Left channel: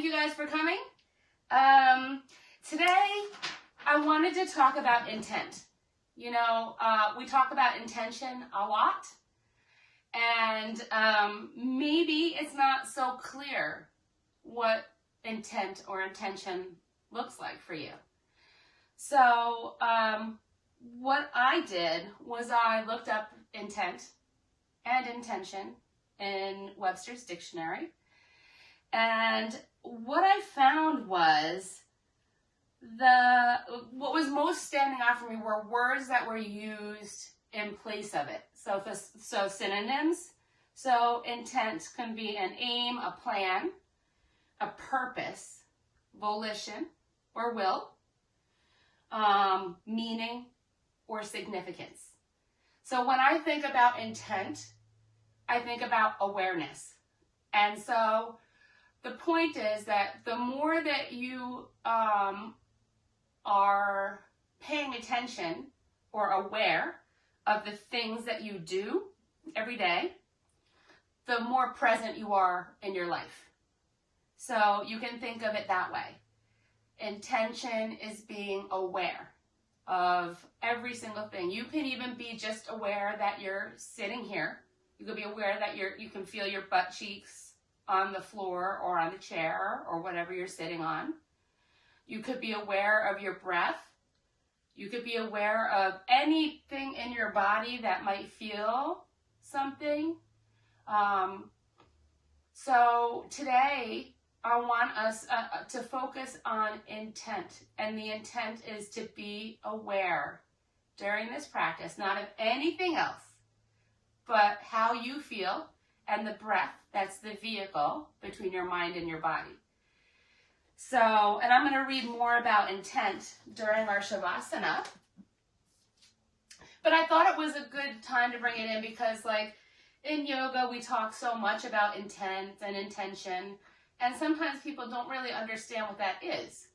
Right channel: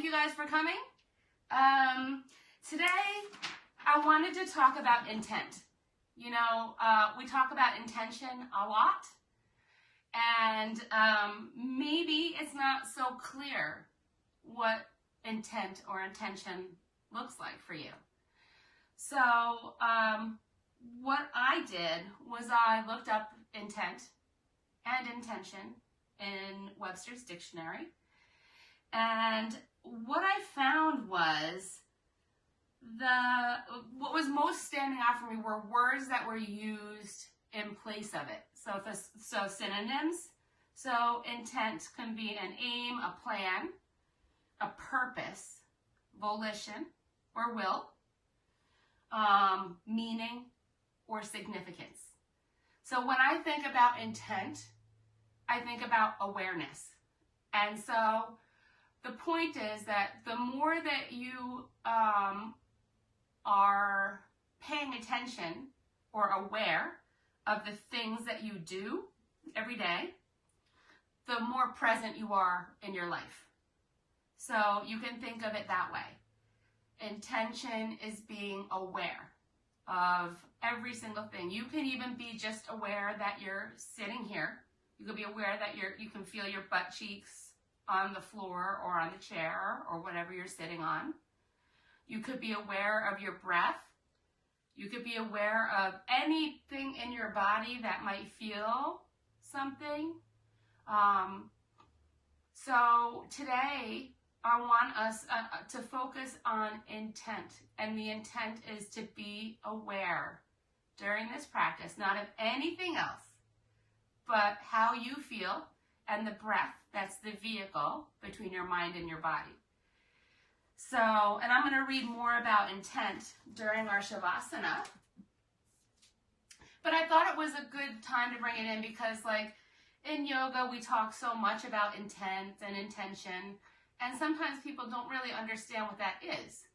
thank you guys for coming. Today, I wanted to talk about intent. You know, we talk about intention a lot, and maybe it's not so clear what intent or intention looks like for you. So, what I did was I looked up intent and intention in Webster's dictionary. And what I found was what was most standing out for me were words that were used in place of it. So synonyms. So intent can be an aim, a plan, a purpose, volition or will, meaning or significance. So when I think about intent, I think about awareness. And so the point is that the more that you are paying attention or aware of the things that you do every day, the more present you are in your life. So you can think of it that way. Intention is being aware of every single thing. You can even be just aware that you're sitting here. You could be aware that you can feel your butt cheeks on the floor or on the chair or whatever you're sitting on. You could be aware of your breath. You could be aware of anything in your body that might feel something. So today I want us to focus on intent, and the intent is to be aware during this practice, not of anything else, but how you feel and the breath. That's the vehicle between your mind and your body. So, and I'm going to read more about intent during our Shavasana. But I thought it was a good time to bring it in because, like, in yoga, we talk so much about intent and intention, and sometimes people don't really understand what that is.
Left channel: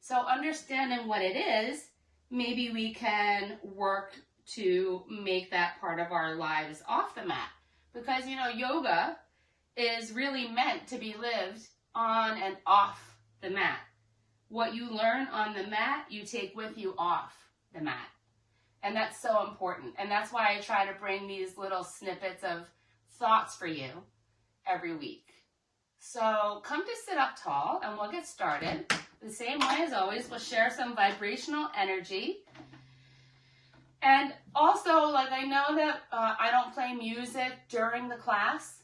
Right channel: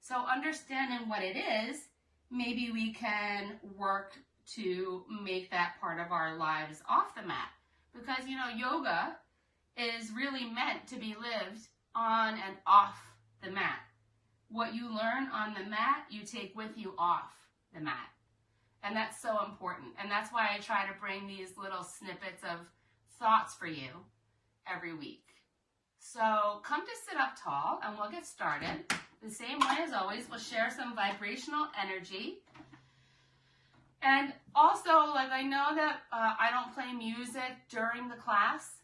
So understanding what it is, maybe we can work to make that part of our lives off the mat. Because, you know, yoga is really meant to be lived on and off the mat. What you learn on the mat, you take with you off the mat. And that's so important. And that's why I try to bring these little snippets of thoughts for you every week. So come to sit up tall and we'll get started. The same way as always, we'll share some vibrational energy. And also, like, I know that I don't play music during the class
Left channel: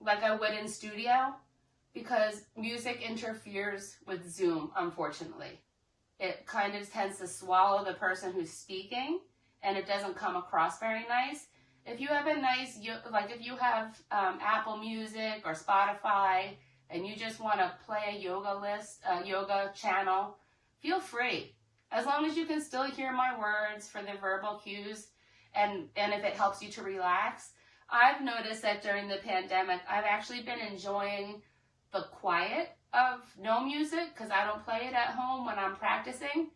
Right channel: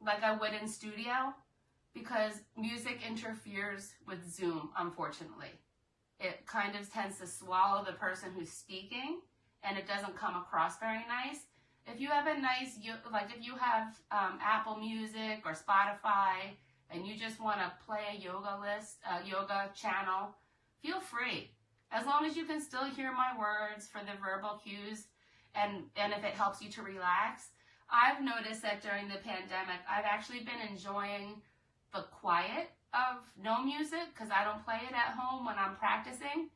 like I would in studio because music interferes with Zoom, unfortunately. It kind of tends to swallow the person who's speaking, and it doesn't come across very nice. If you have a nice, like if you have Apple Music or Spotify, and you just want to play a yoga channel, feel free. As long as you can still hear my words for the verbal cues, and if it helps you to relax. I've noticed that during the pandemic, I've actually been enjoying the quiet of no music because I don't play it at home when I'm practicing.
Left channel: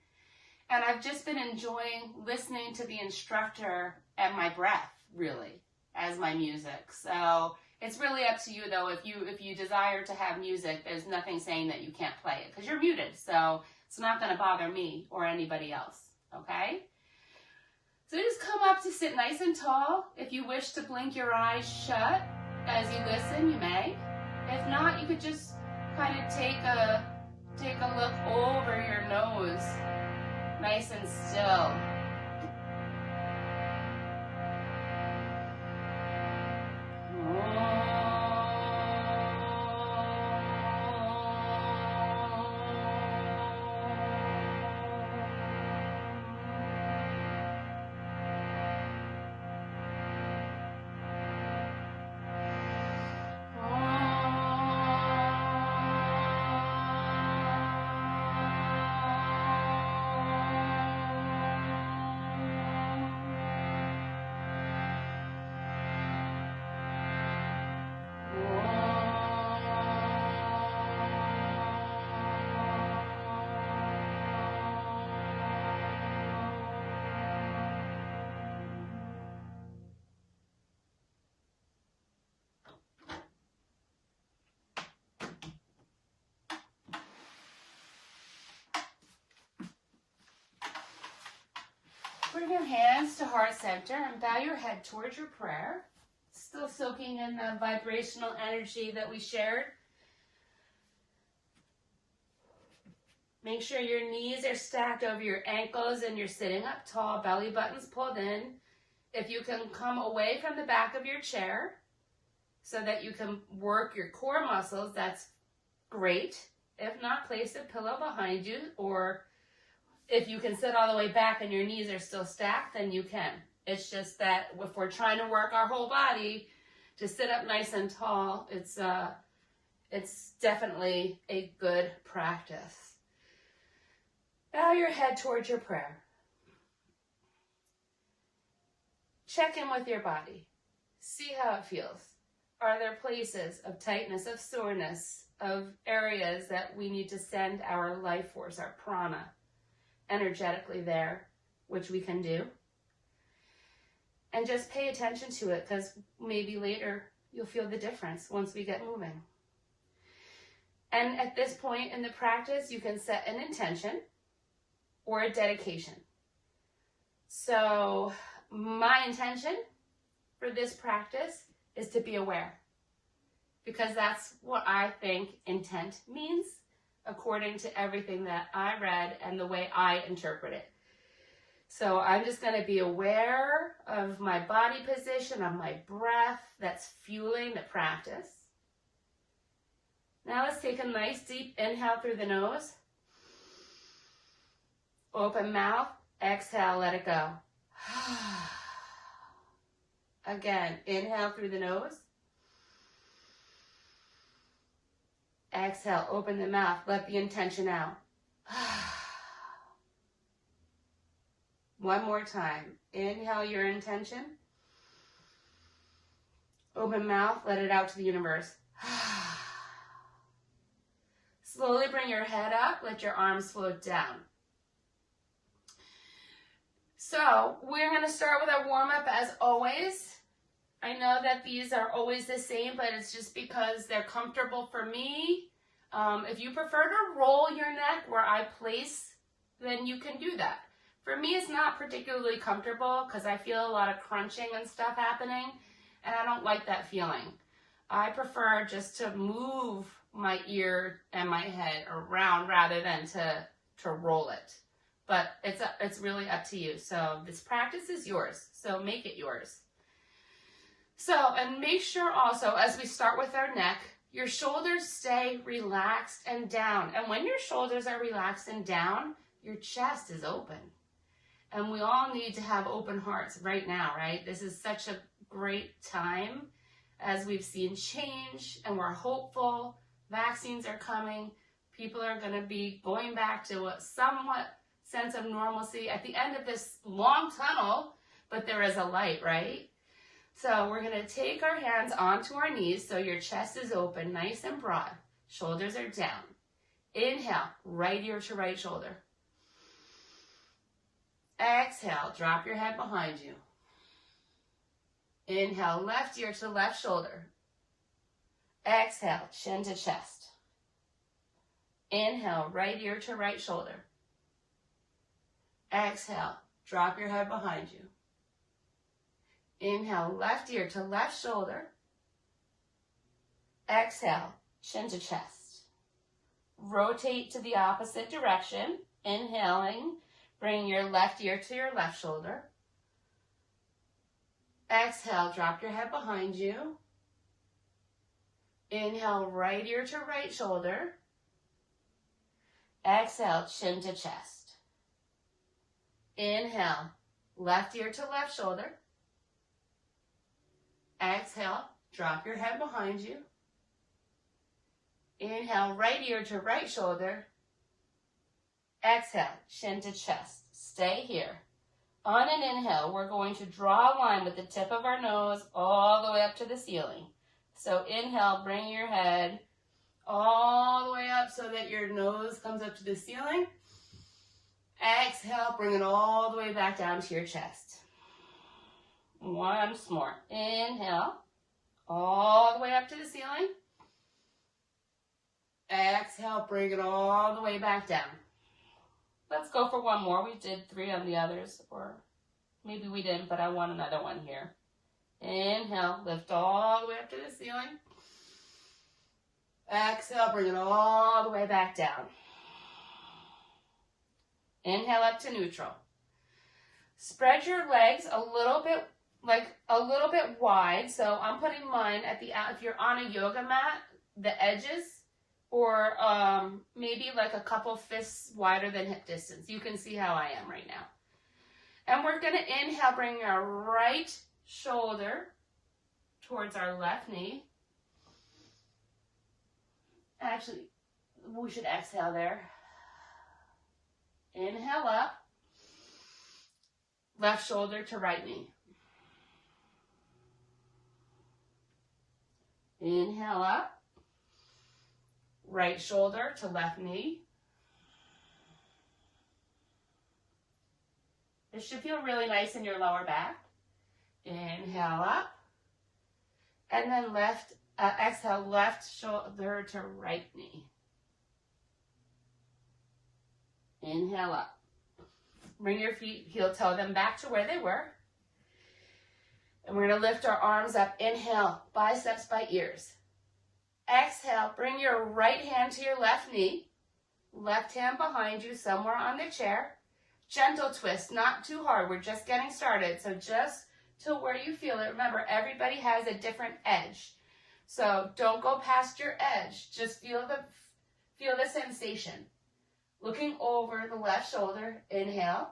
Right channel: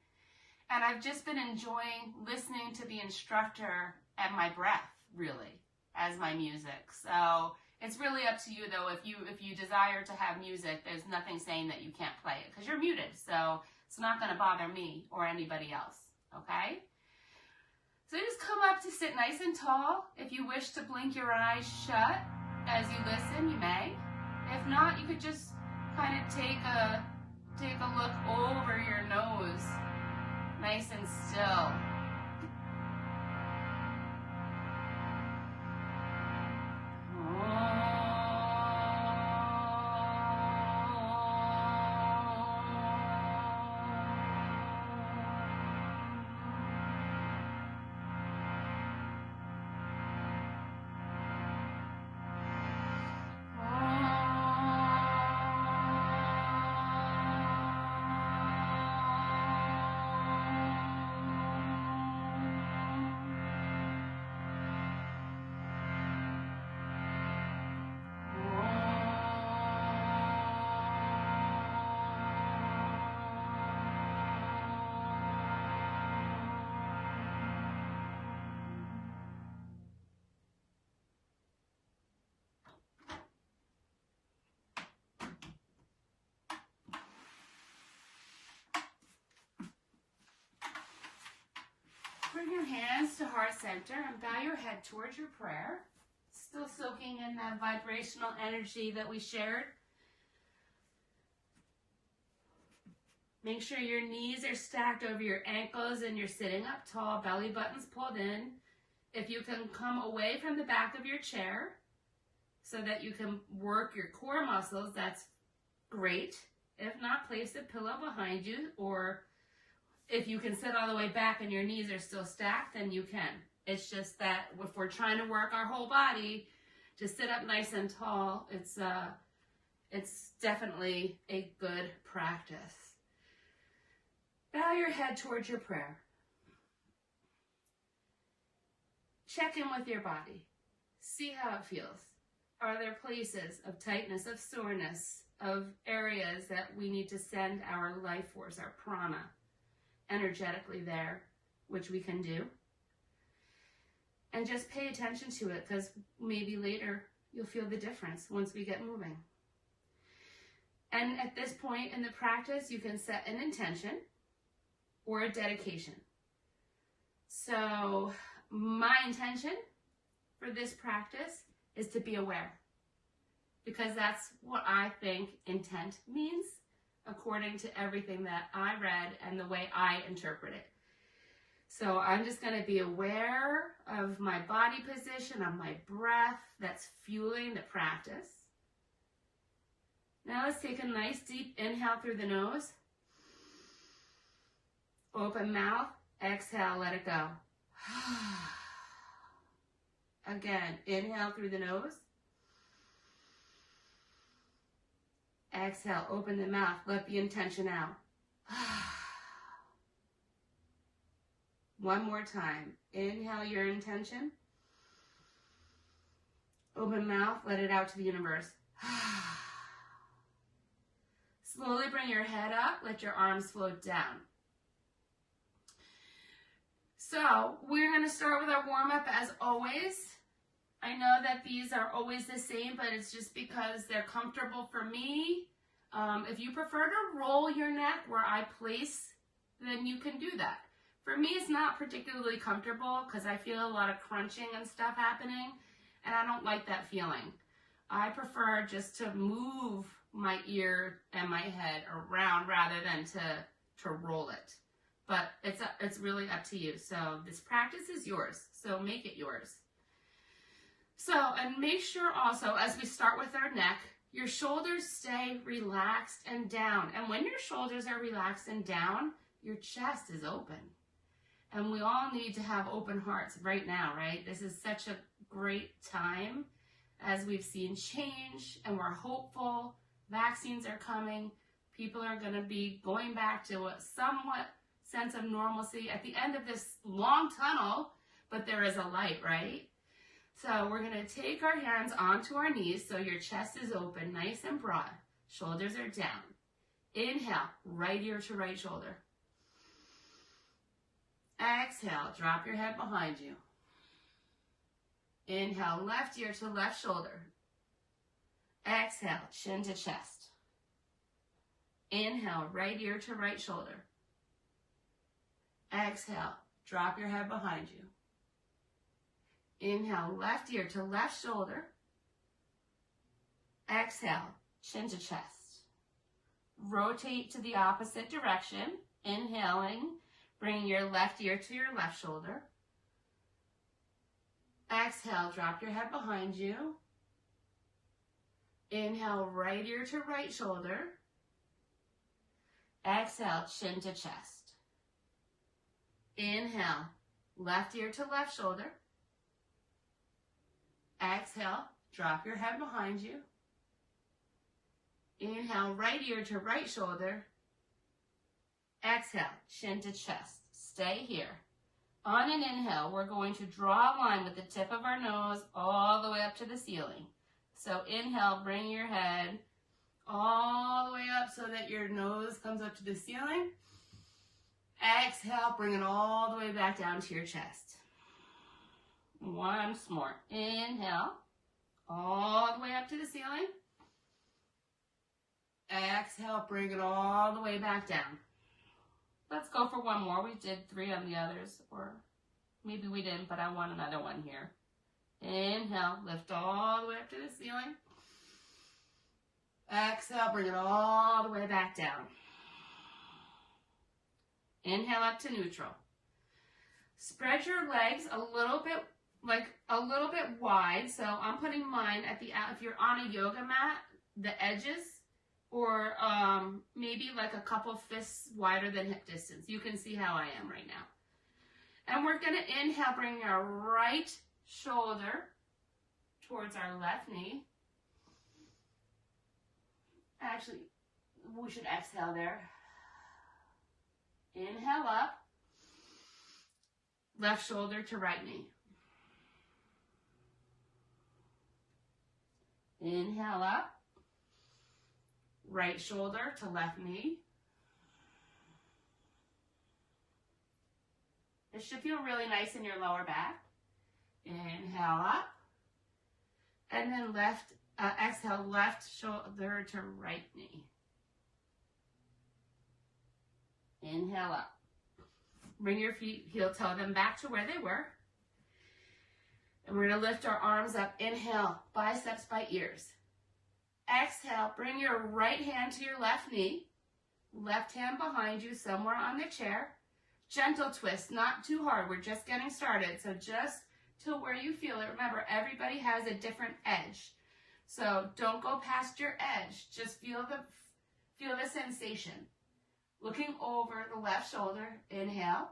And I've just been enjoying listening to the instructor and my breath, really, as my music. So it's really up to you, though. If you desire to have music, there's nothing saying that you can't play it because you're muted. So it's not going to bother me or anybody else, okay? So just come up to sit nice and tall. If you wish to blink your eyes shut as you listen, you may. If not, you could just kind of take a look over your nose, nice and still. your hands to heart center and bow your head towards your prayer. Still soaking in the vibrational energy that we shared. Make sure your knees are stacked over your ankles and you're sitting up tall, belly buttons pulled in. If you can come away from the back of your chair so that you can work your core muscles, that's great. If not, place a pillow behind you, or if you can sit all the way back and your knees are still stacked, then you can. It's just that if we're trying to work our whole body to sit up nice and tall, it's definitely a good practice. Bow your head towards your prayer. Check in with your body. See how it feels. Are there places of tightness, of soreness, of areas that we need to send our life force, our prana, energetically there, which we can do? And just pay attention to it, because maybe later you'll feel the difference once we get moving. And at this point in the practice, you can set an intention or a dedication. So my intention for this practice is to be aware, because that's what I think intent means according to everything that I read and the way I interpret it. So I'm just going to be aware of my body position, of my breath that's fueling the practice. Now let's take a nice deep inhale through the nose. Open mouth, exhale, let it go. Again, inhale through the nose. Exhale, open the mouth, let the intention out. One more time. Inhale your intention. Open mouth, let it out to the universe. Slowly bring your head up, let your arms float down. So we're going to start with our warm-up as always. I know that these are always the same, but it's just because they're comfortable for me. If you prefer to roll your neck where I place, then you can do that. For me, it's not particularly comfortable because I feel a lot of crunching and stuff happening, and I don't like that feeling. I prefer just to move my ear and my head around rather than to roll it. But it's really up to you. So this practice is yours, so make it yours. So, and make sure also, as we start with our neck, your shoulders stay relaxed and down. And when your shoulders are relaxed and down, your chest is open. And we all need to have open hearts right now, right? This is such a great time as we've seen change and we're hopeful. Vaccines are coming. People are going to be going back to a somewhat sense of normalcy at the end of this long tunnel, but there is a light, right? So we're going to take our hands onto our knees so your chest is open, nice and broad. Shoulders are down. Inhale, right ear to right shoulder. Exhale, drop your head behind you. Inhale, left ear to left shoulder. Exhale, chin to chest. Inhale, right ear to right shoulder. Exhale, drop your head behind you. Inhale, left ear to left shoulder. Exhale, chin to chest. Rotate to the opposite direction. Inhaling, bring your left ear to your left shoulder. Exhale, drop your head behind you. Inhale, right ear to right shoulder. Exhale, chin to chest. Inhale, left ear to left shoulder. Exhale, drop your head behind you. Inhale, right ear to right shoulder. Exhale, chin to chest. Stay here. On an inhale, we're going to draw a line with the tip of our nose all the way up to the ceiling. So inhale, bring your head all the way up so that your nose comes up to the ceiling. Exhale, bring it all the way back down to your chest. Once more. Inhale, all the way up to the ceiling. Exhale, bring it all the way back down. Let's go for one more. We did 3 on the others. Or Maybe we didn't, but I want another one here. Inhale, lift all the way up to the ceiling. Exhale, bring it all the way back down. Inhale up to neutral. Spread your legs a little bit wide. So I'm putting mine at the, if you're on a yoga mat, the edges, or maybe like a couple fists wider than hip distance. You can see how I am right now. And we're going to inhale, bring our right shoulder towards our left knee. Actually, we should exhale there. Inhale up. Left shoulder to right knee. Inhale up. Right shoulder to left knee. This should feel really nice in your lower back. Inhale up. And then exhale, left shoulder to right knee. Inhale up. Bring your feet, heel toe them back to where they were. And we're going to lift our arms up. Inhale, biceps by ears. Exhale, bring your right hand to your left knee. Left hand behind you, somewhere on the chair. Gentle twist, not too hard. We're just getting started. So just to where you feel it. Remember, everybody has a different edge. So don't go past your edge. Just feel the sensation. Looking over the left shoulder. Inhale.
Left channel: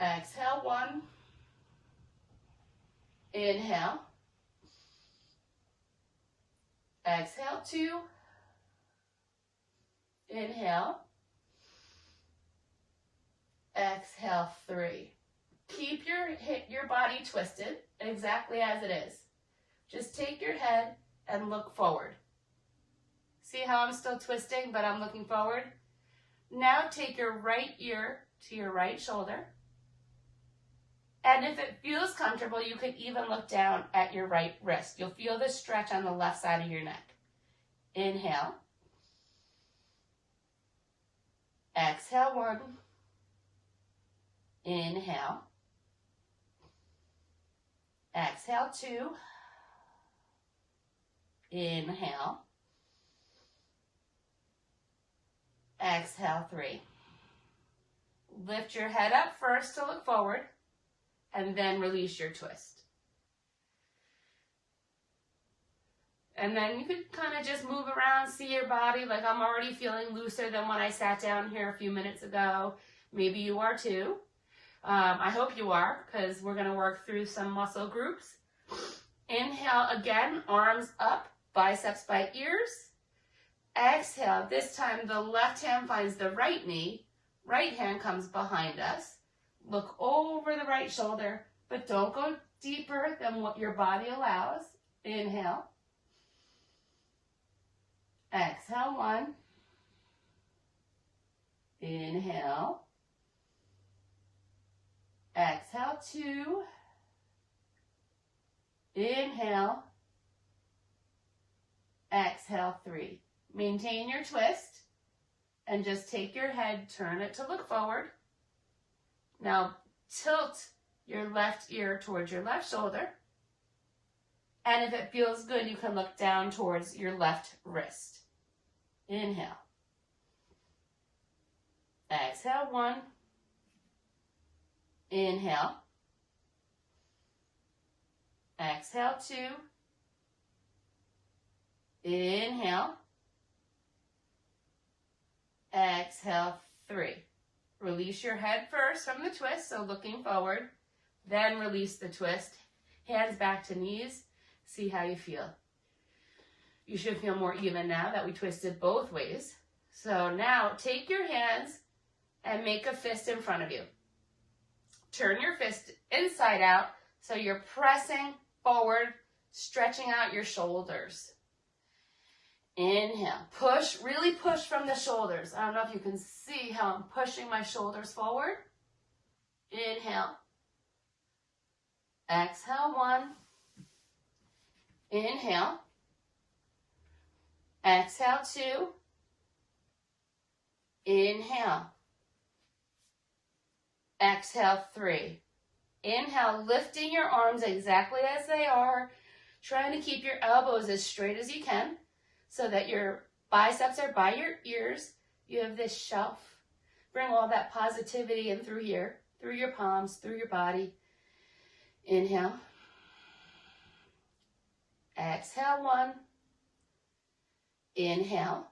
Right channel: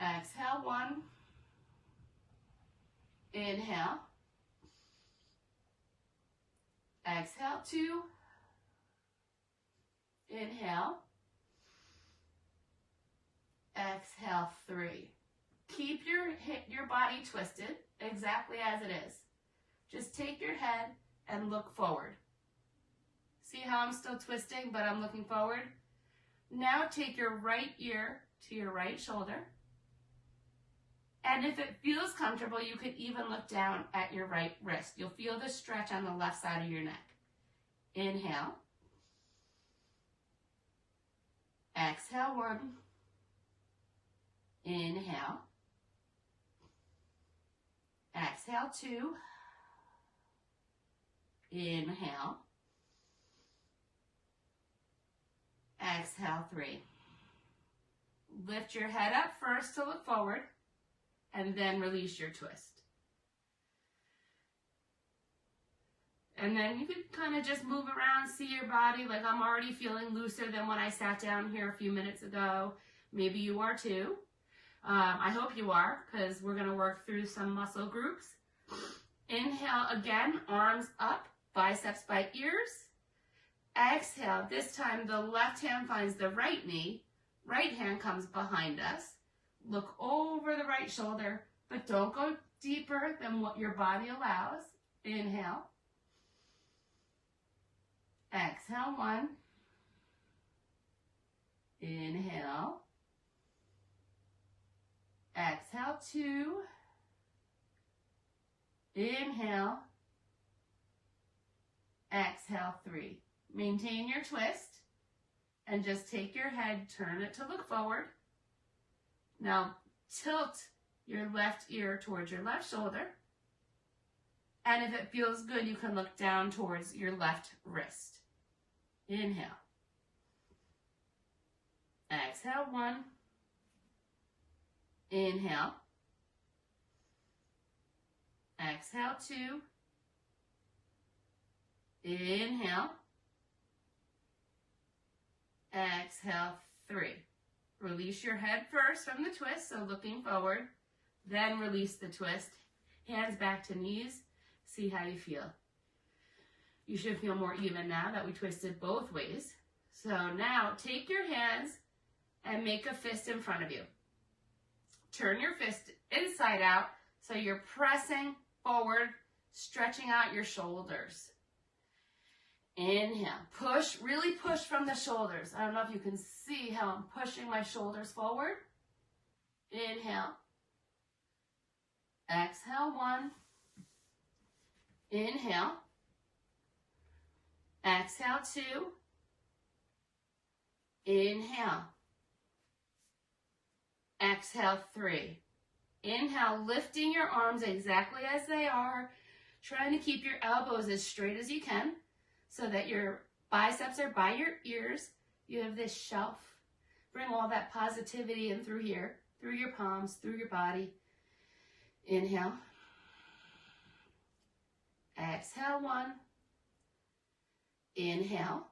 Exhale, 1. Inhale. Exhale, 2. Inhale. Exhale, 3. Keep your body twisted exactly as it is. Just take your head and look forward. See how I'm still twisting, but I'm looking forward? Now take your right ear to your right shoulder. And if it feels comfortable, you could even look down at your right wrist. You'll feel the stretch on the left side of your neck. Inhale. Exhale, 1. Inhale. Exhale, 2. Inhale. Exhale, 3. Lift your head up first to look forward, and then release your twist. And then you can kind of just move around, see your body. Like I'm already feeling looser than when I sat down here a few minutes ago. Maybe you are too. I hope you are, because we're going to work through some muscle groups. Inhale again, arms up, biceps by ears. Exhale, this time the left hand finds the right knee. Right hand comes behind us. Look over the right shoulder, but don't go deeper than what your body allows. Inhale. Exhale, 1. Inhale. Exhale, 2. Inhale. Exhale, 3. Maintain your twist and just take your head, turn it to look forward. Now tilt your left ear towards your left shoulder. And if it feels good, you can look down towards your left wrist. Inhale. Exhale, 1. Inhale. Exhale, 2. Inhale. Exhale, 3. Release your head first from the twist, so looking forward. Then release the twist. Hands back to knees. See how you feel. You should feel more even now that we twisted both ways. So now take your hands and make a fist in front of you. Turn your fist inside out so you're pressing forward, stretching out your shoulders. Inhale. Push, really push from the shoulders. I don't know if you can see how I'm pushing my shoulders forward. Inhale. Exhale, 1. Inhale. Exhale, 2. Inhale. Exhale, 3. Inhale, lifting your arms exactly as they are, trying to keep your elbows as straight as you can so that your biceps are by your ears. You have this shelf. Bring all that positivity in through here, through your palms, through your body. Inhale. Exhale, 1. Inhale.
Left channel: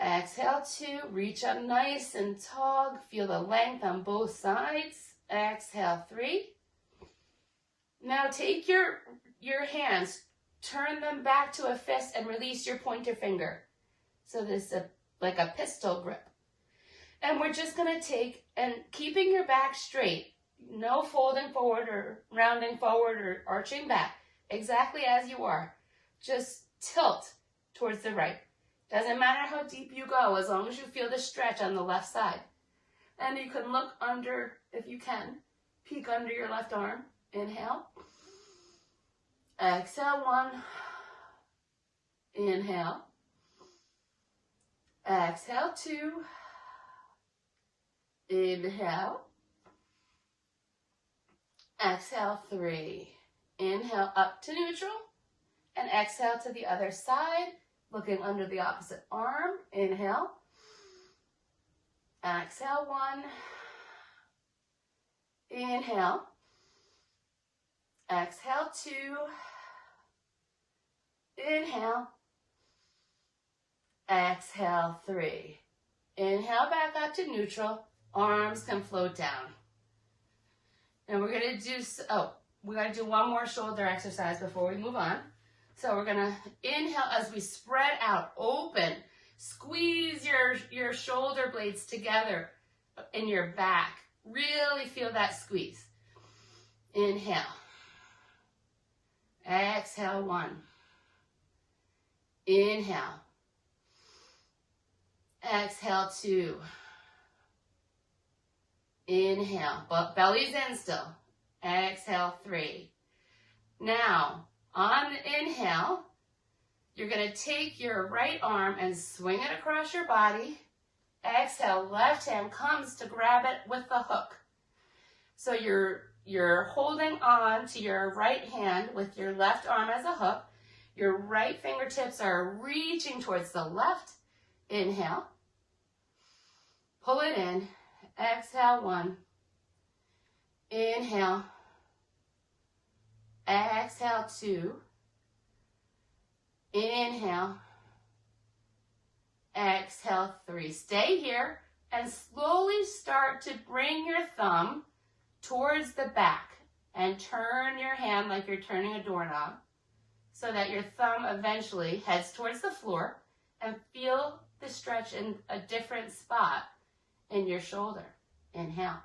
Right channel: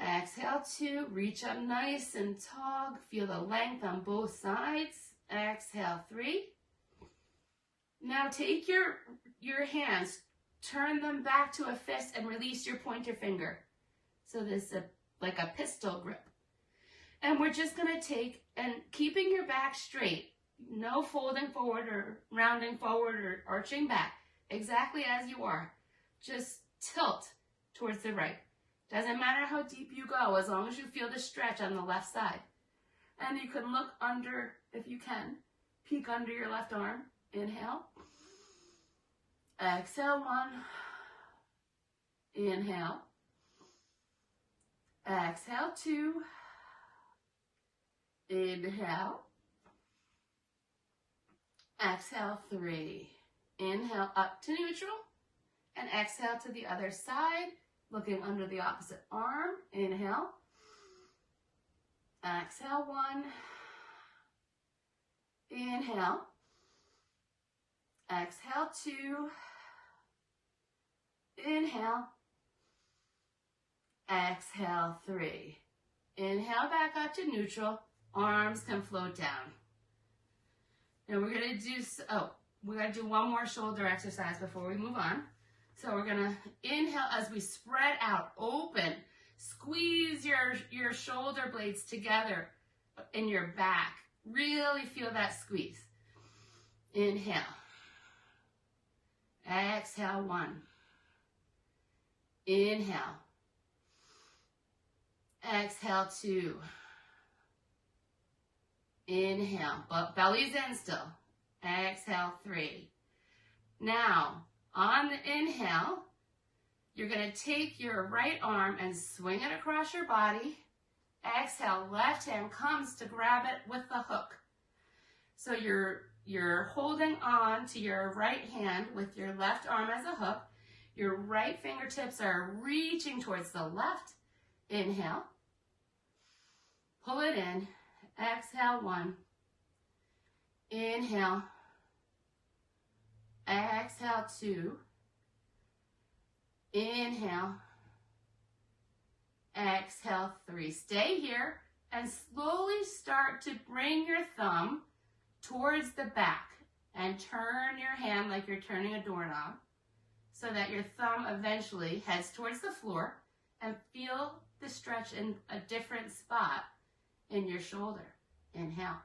Exhale, 2. Reach up nice and tall. Feel the length on both sides. Exhale, 3. Now take your hands, turn them back to a fist and release your pointer finger. So this is like a pistol grip. And we're just going to take, and keeping your back straight, no folding forward or rounding forward or arching back, exactly as you are. Just tilt towards the right. Doesn't matter how deep you go, as long as you feel the stretch on the left side. And you can look under, if you can, peek under your left arm. Inhale. Exhale, 1. Inhale. Exhale, 2. Inhale. Exhale, 3. Inhale up to neutral. And exhale to the other side, looking under the opposite arm. Inhale. Exhale, 1. Inhale. Exhale, 2. Inhale. Exhale, 3. Inhale back up to neutral. Arms can float down. Now we're going to do, we got to do one more shoulder exercise before we move on. So we're going to inhale as we spread out, open. Squeeze your shoulder blades together in your back. Really feel that squeeze. Inhale. Exhale, 1. Inhale. Exhale, 2. Inhale, but belly's in still. Exhale, 3. Now, on the inhale, you're going to take your right arm and swing it across your body. Exhale, left hand comes to grab it with the hook. So you're holding on to your right hand with your left arm as a hook. Your right fingertips are reaching towards the left. Inhale. Pull it in. Exhale, 1. Inhale. Exhale, 2. Inhale. Exhale, 3. Stay here and slowly start to bring your thumb towards the back and turn your hand like you're turning a doorknob so that your thumb eventually heads towards the floor, and feel the stretch in a different spot in your shoulder. Inhale.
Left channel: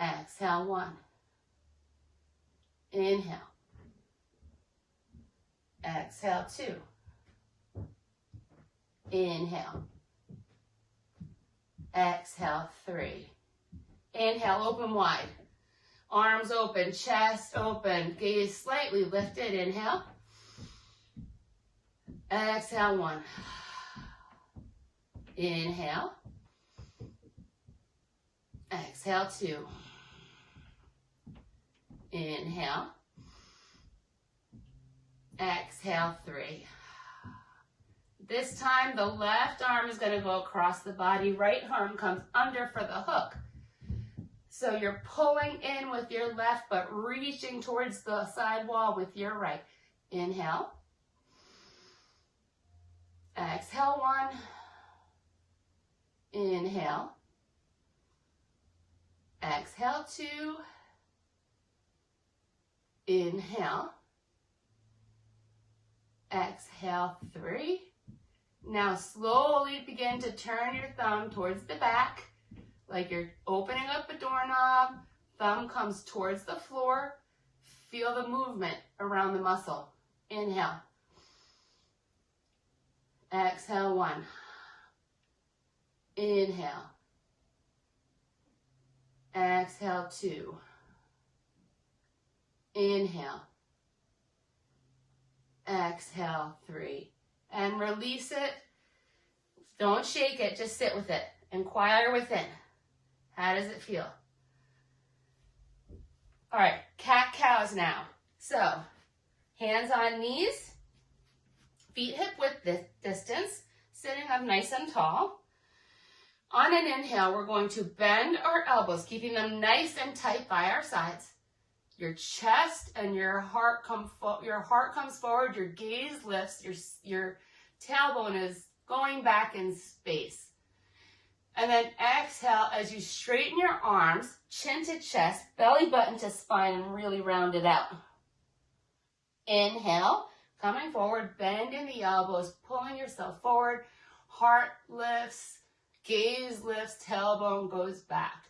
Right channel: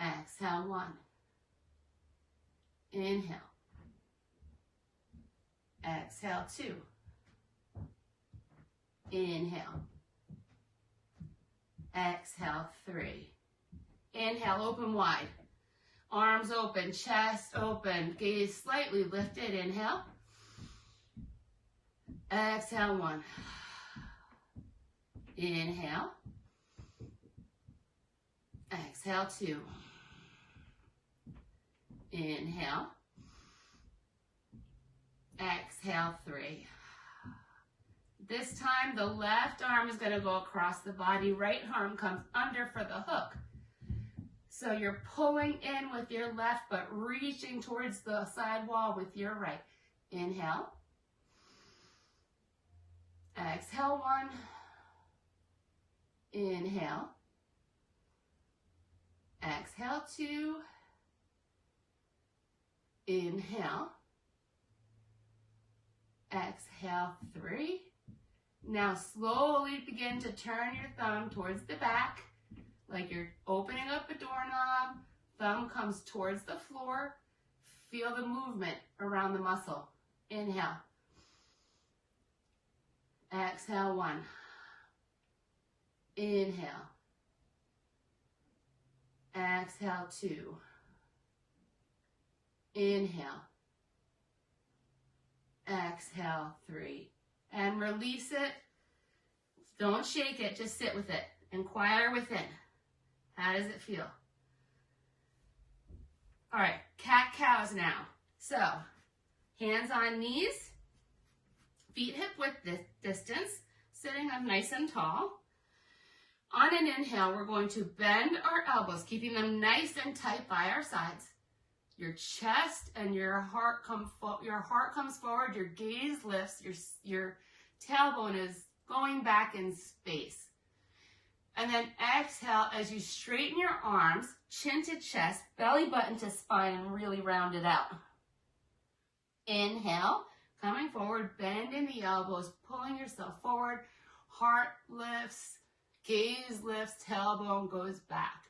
Exhale, 1. Inhale. Exhale, 2. Inhale. Exhale, 3. Inhale, open wide. Arms open, chest open, gaze slightly lifted. Inhale. Exhale, 1. Inhale. Exhale, 2. Inhale. Exhale, 3. This time the left arm is going to go across the body. Right arm comes under for the hook. So you're pulling in with your left, but reaching towards the side wall with your right. Inhale. Exhale, 1. Inhale. Exhale, 2. Inhale. Exhale, 3. Now slowly begin to turn your thumb towards the back, like you're opening up a doorknob. Thumb comes towards the floor. Feel the movement around the muscle. Inhale. Exhale, 1. Inhale. Exhale, 2. Inhale. Exhale, 3. And release it. Don't shake it, just sit with it. Inquire within. How does it feel? All right, cat-cows now. So, hands on knees, feet hip-width distance, sitting up nice and tall. On an inhale, we're going to bend our elbows, keeping them nice and tight by our sides. Your chest and your heart comes forward, your gaze lifts, your tailbone is going back in space. And then exhale as you straighten your arms, chin to chest, belly button to spine, and really round it out. Inhale, coming forward, bending the elbows, pulling yourself forward, heart lifts, gaze lifts, tailbone goes back.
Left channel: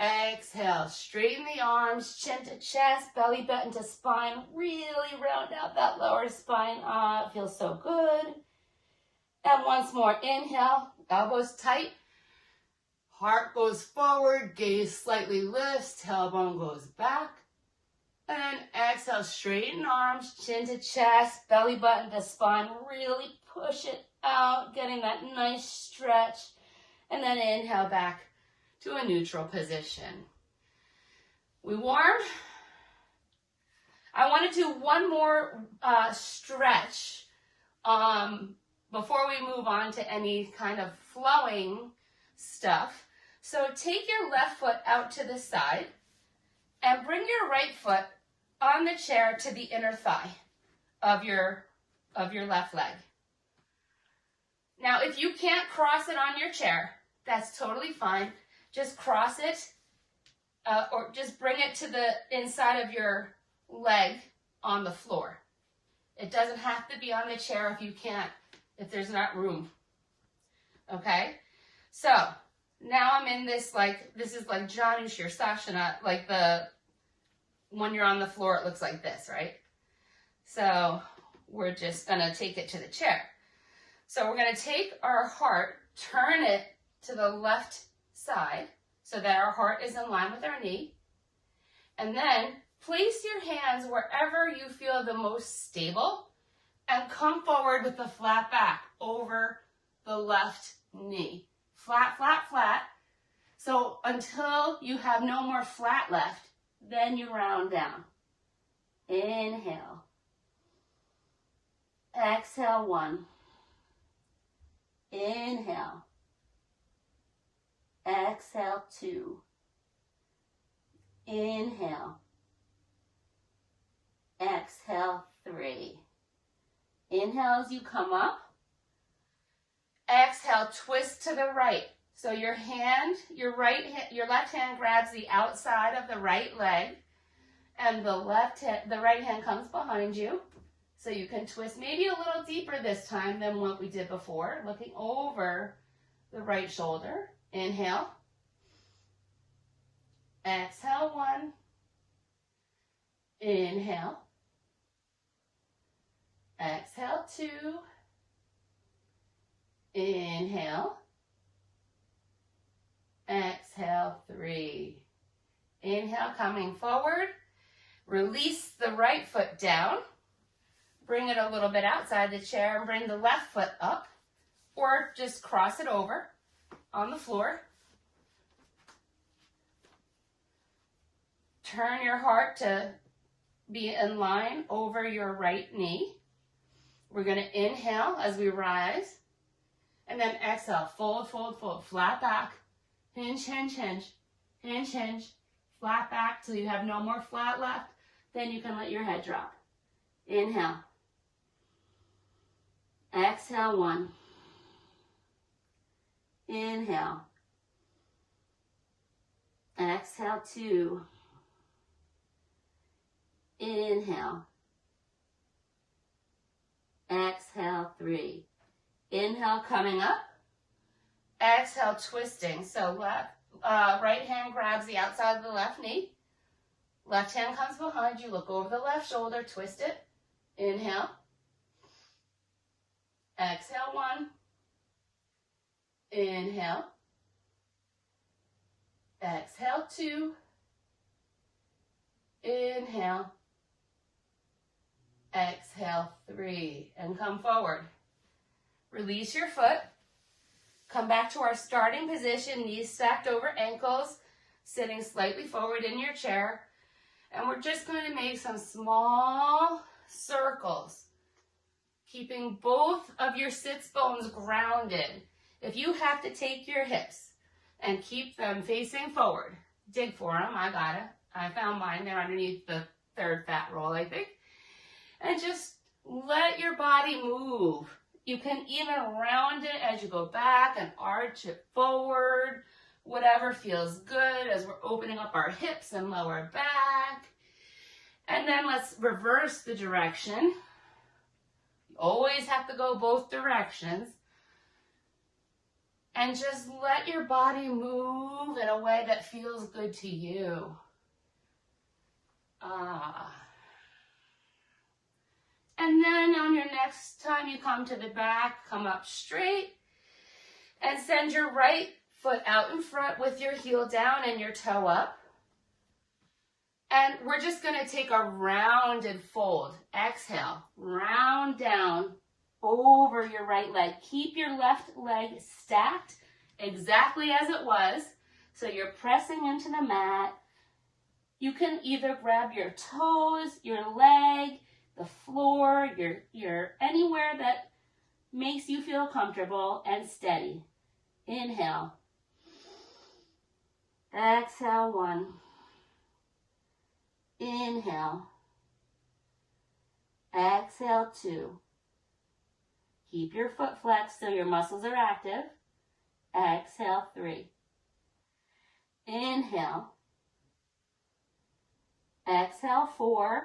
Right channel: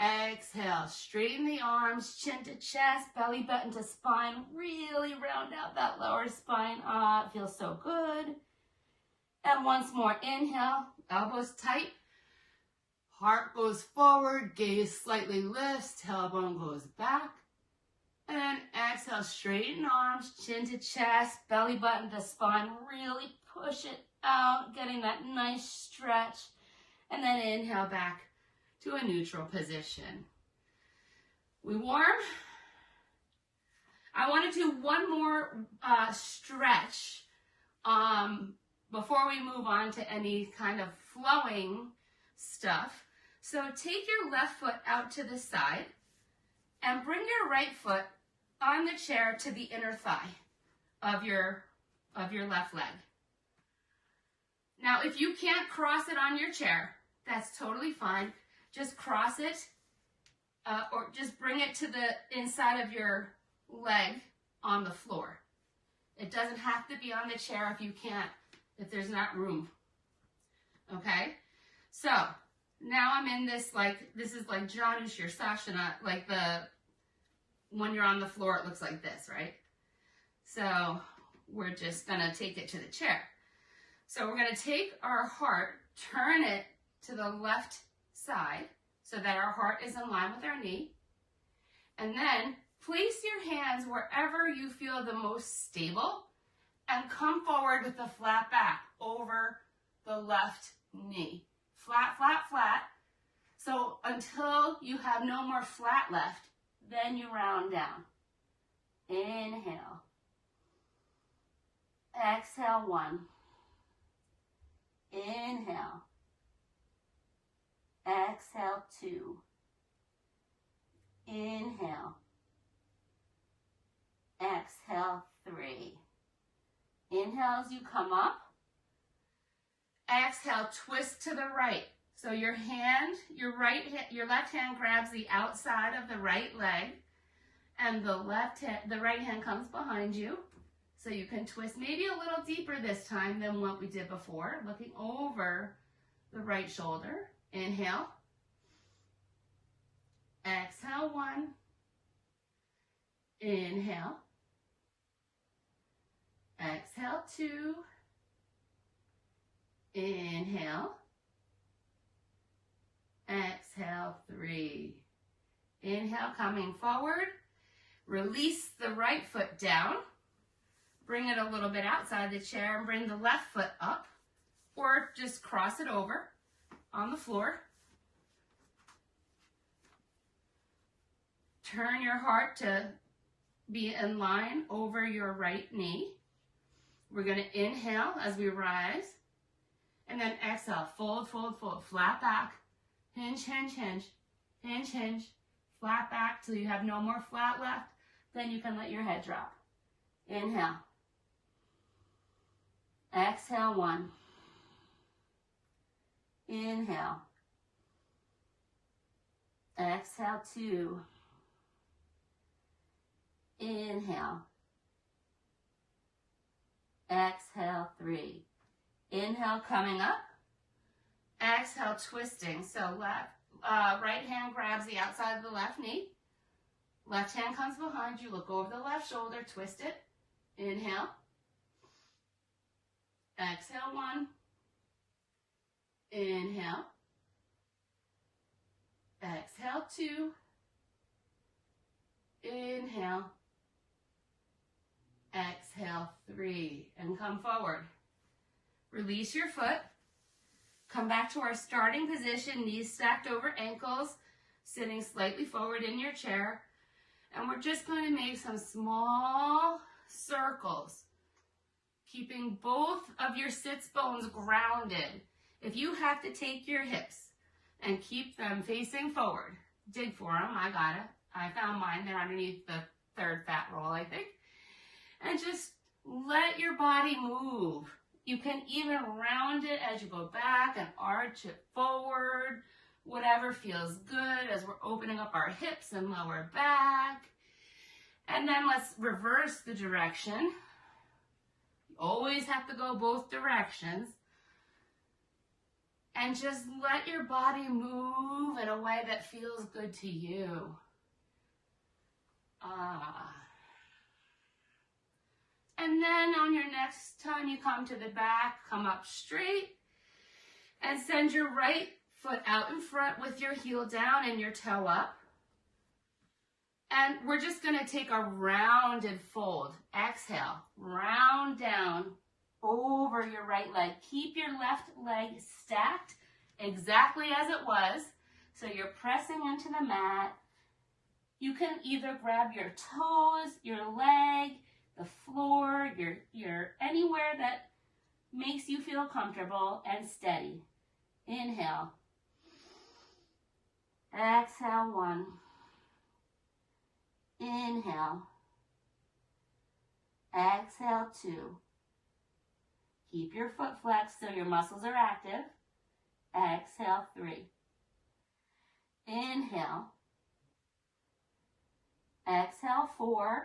Exhale, straighten the arms, chin to chest, belly button to spine, really round out that lower spine. It feels so good. And once more, inhale, elbows tight, heart goes forward, gaze slightly lifts, tailbone goes back. And exhale, straighten arms, chin to chest, belly button to spine, really push it out, getting that nice stretch. And then inhale back to a neutral position. We warm. I want to do one more stretch before we move on to any kind of flowing stuff. So take your left foot out to the side and bring your right foot on the chair to the inner thigh of your left leg. Now, if you can't cross it on your chair, that's totally fine. Just cross it or just bring it to the inside of your leg on the floor. It doesn't have to be on the chair if there's not room. Okay? So, now I'm in this is like Janu Shirsashana, like when you're on the floor, it looks like this, right? So, we're just going to take it to the chair. So, we're going to take our heart, turn it to the left side so that our heart is in line with our knee. And then place your hands wherever you feel the most stable and come forward with the flat back over the left knee. Flat, flat, flat. So until you have no more flat left, then you round down. Inhale. Exhale, 1. Inhale. Exhale, 2. Inhale. Exhale, 3. Inhale as you come up. Exhale, twist to the right. So your left hand grabs the outside of the right leg, and the right hand comes behind you. So you can twist maybe a little deeper this time than what we did before, looking over the right shoulder. Inhale. Exhale, 1. Inhale. Exhale, 2. Inhale. Exhale, 3. Inhale, coming forward. Release the right foot down. Bring it a little bit outside the chair and bring the left foot up, or just cross it over on the floor. Turn your heart to be in line over your right knee. We're going to inhale as we rise, and then exhale, fold, fold, fold, flat back, hinge, hinge, hinge, hinge, hinge, flat back till you have no more flat left. Then you can let your head drop. Inhale. Exhale, 1. Inhale. Exhale, 2. Inhale. Exhale, 3. Inhale, coming up. Exhale, twisting. So right hand grabs the outside of the left knee. Left hand comes behind you. Look over the left shoulder. Twist it. Inhale. Exhale, 1. Inhale. Exhale, 2. Inhale. Exhale, 3. And come forward. Release your foot. Come back to our starting position, knees stacked over ankles, sitting slightly forward in your chair. And we're just going to make some small circles, keeping both of your sits bones grounded. If you have to take your hips and keep them facing forward, dig for them. I got it. I found mine. They're underneath the third fat roll, I think. And just let your body move. You can even round it as you go back and arch it forward, whatever feels good as we're opening up our hips and lower back. And then let's reverse the direction. You always have to go both directions. And just let your body move in a way that feels good to you. And then on your next time you come to the back, come up straight and send your right foot out in front with your heel down and your toe up. And we're just going to take a rounded fold. Exhale, round down over your right leg. Keep your left leg stacked exactly as it was. So you're pressing into the mat. You can either grab your toes, your leg, the floor, your anywhere that makes you feel comfortable and steady. Inhale. Exhale, 1. Inhale. Exhale, 2. Keep your foot flexed so your muscles are active. Exhale, 3. Inhale. Exhale, 4.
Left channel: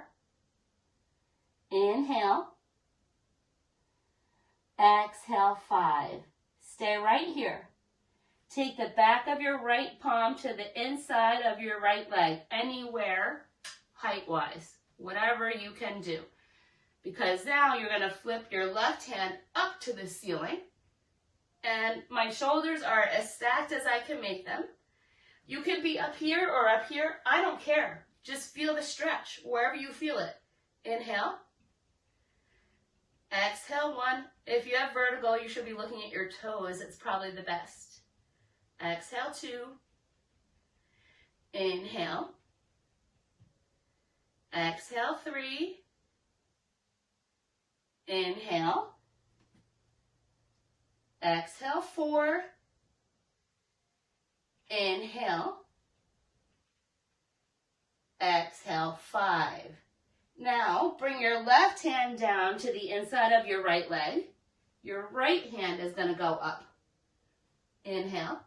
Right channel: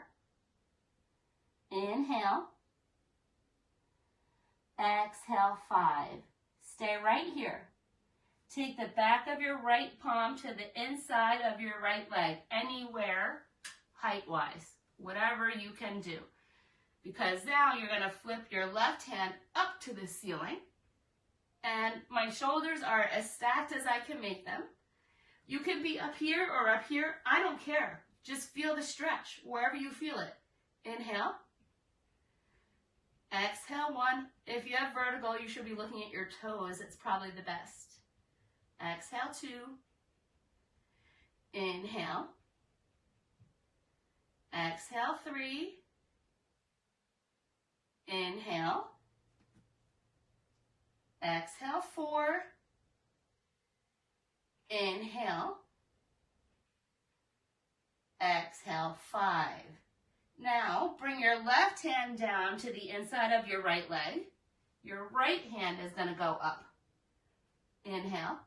Inhale. Exhale, 5. Stay right here. Take the back of your right palm to the inside of your right leg, anywhere height-wise, whatever you can do. Because now you're going to flip your left hand up to the ceiling, and my shoulders are as stacked as I can make them. You could be up here or up here. I don't care. Just feel the stretch wherever you feel it. Inhale. Exhale, 1. If you have vertigo, you should be looking at your toes. It's probably the best. Exhale, 2. Inhale. Exhale, 3. Inhale. Exhale, 4. Inhale. Exhale, 5. Now, bring your left hand down to the inside of your right leg. Your right hand is going to go up. Inhale.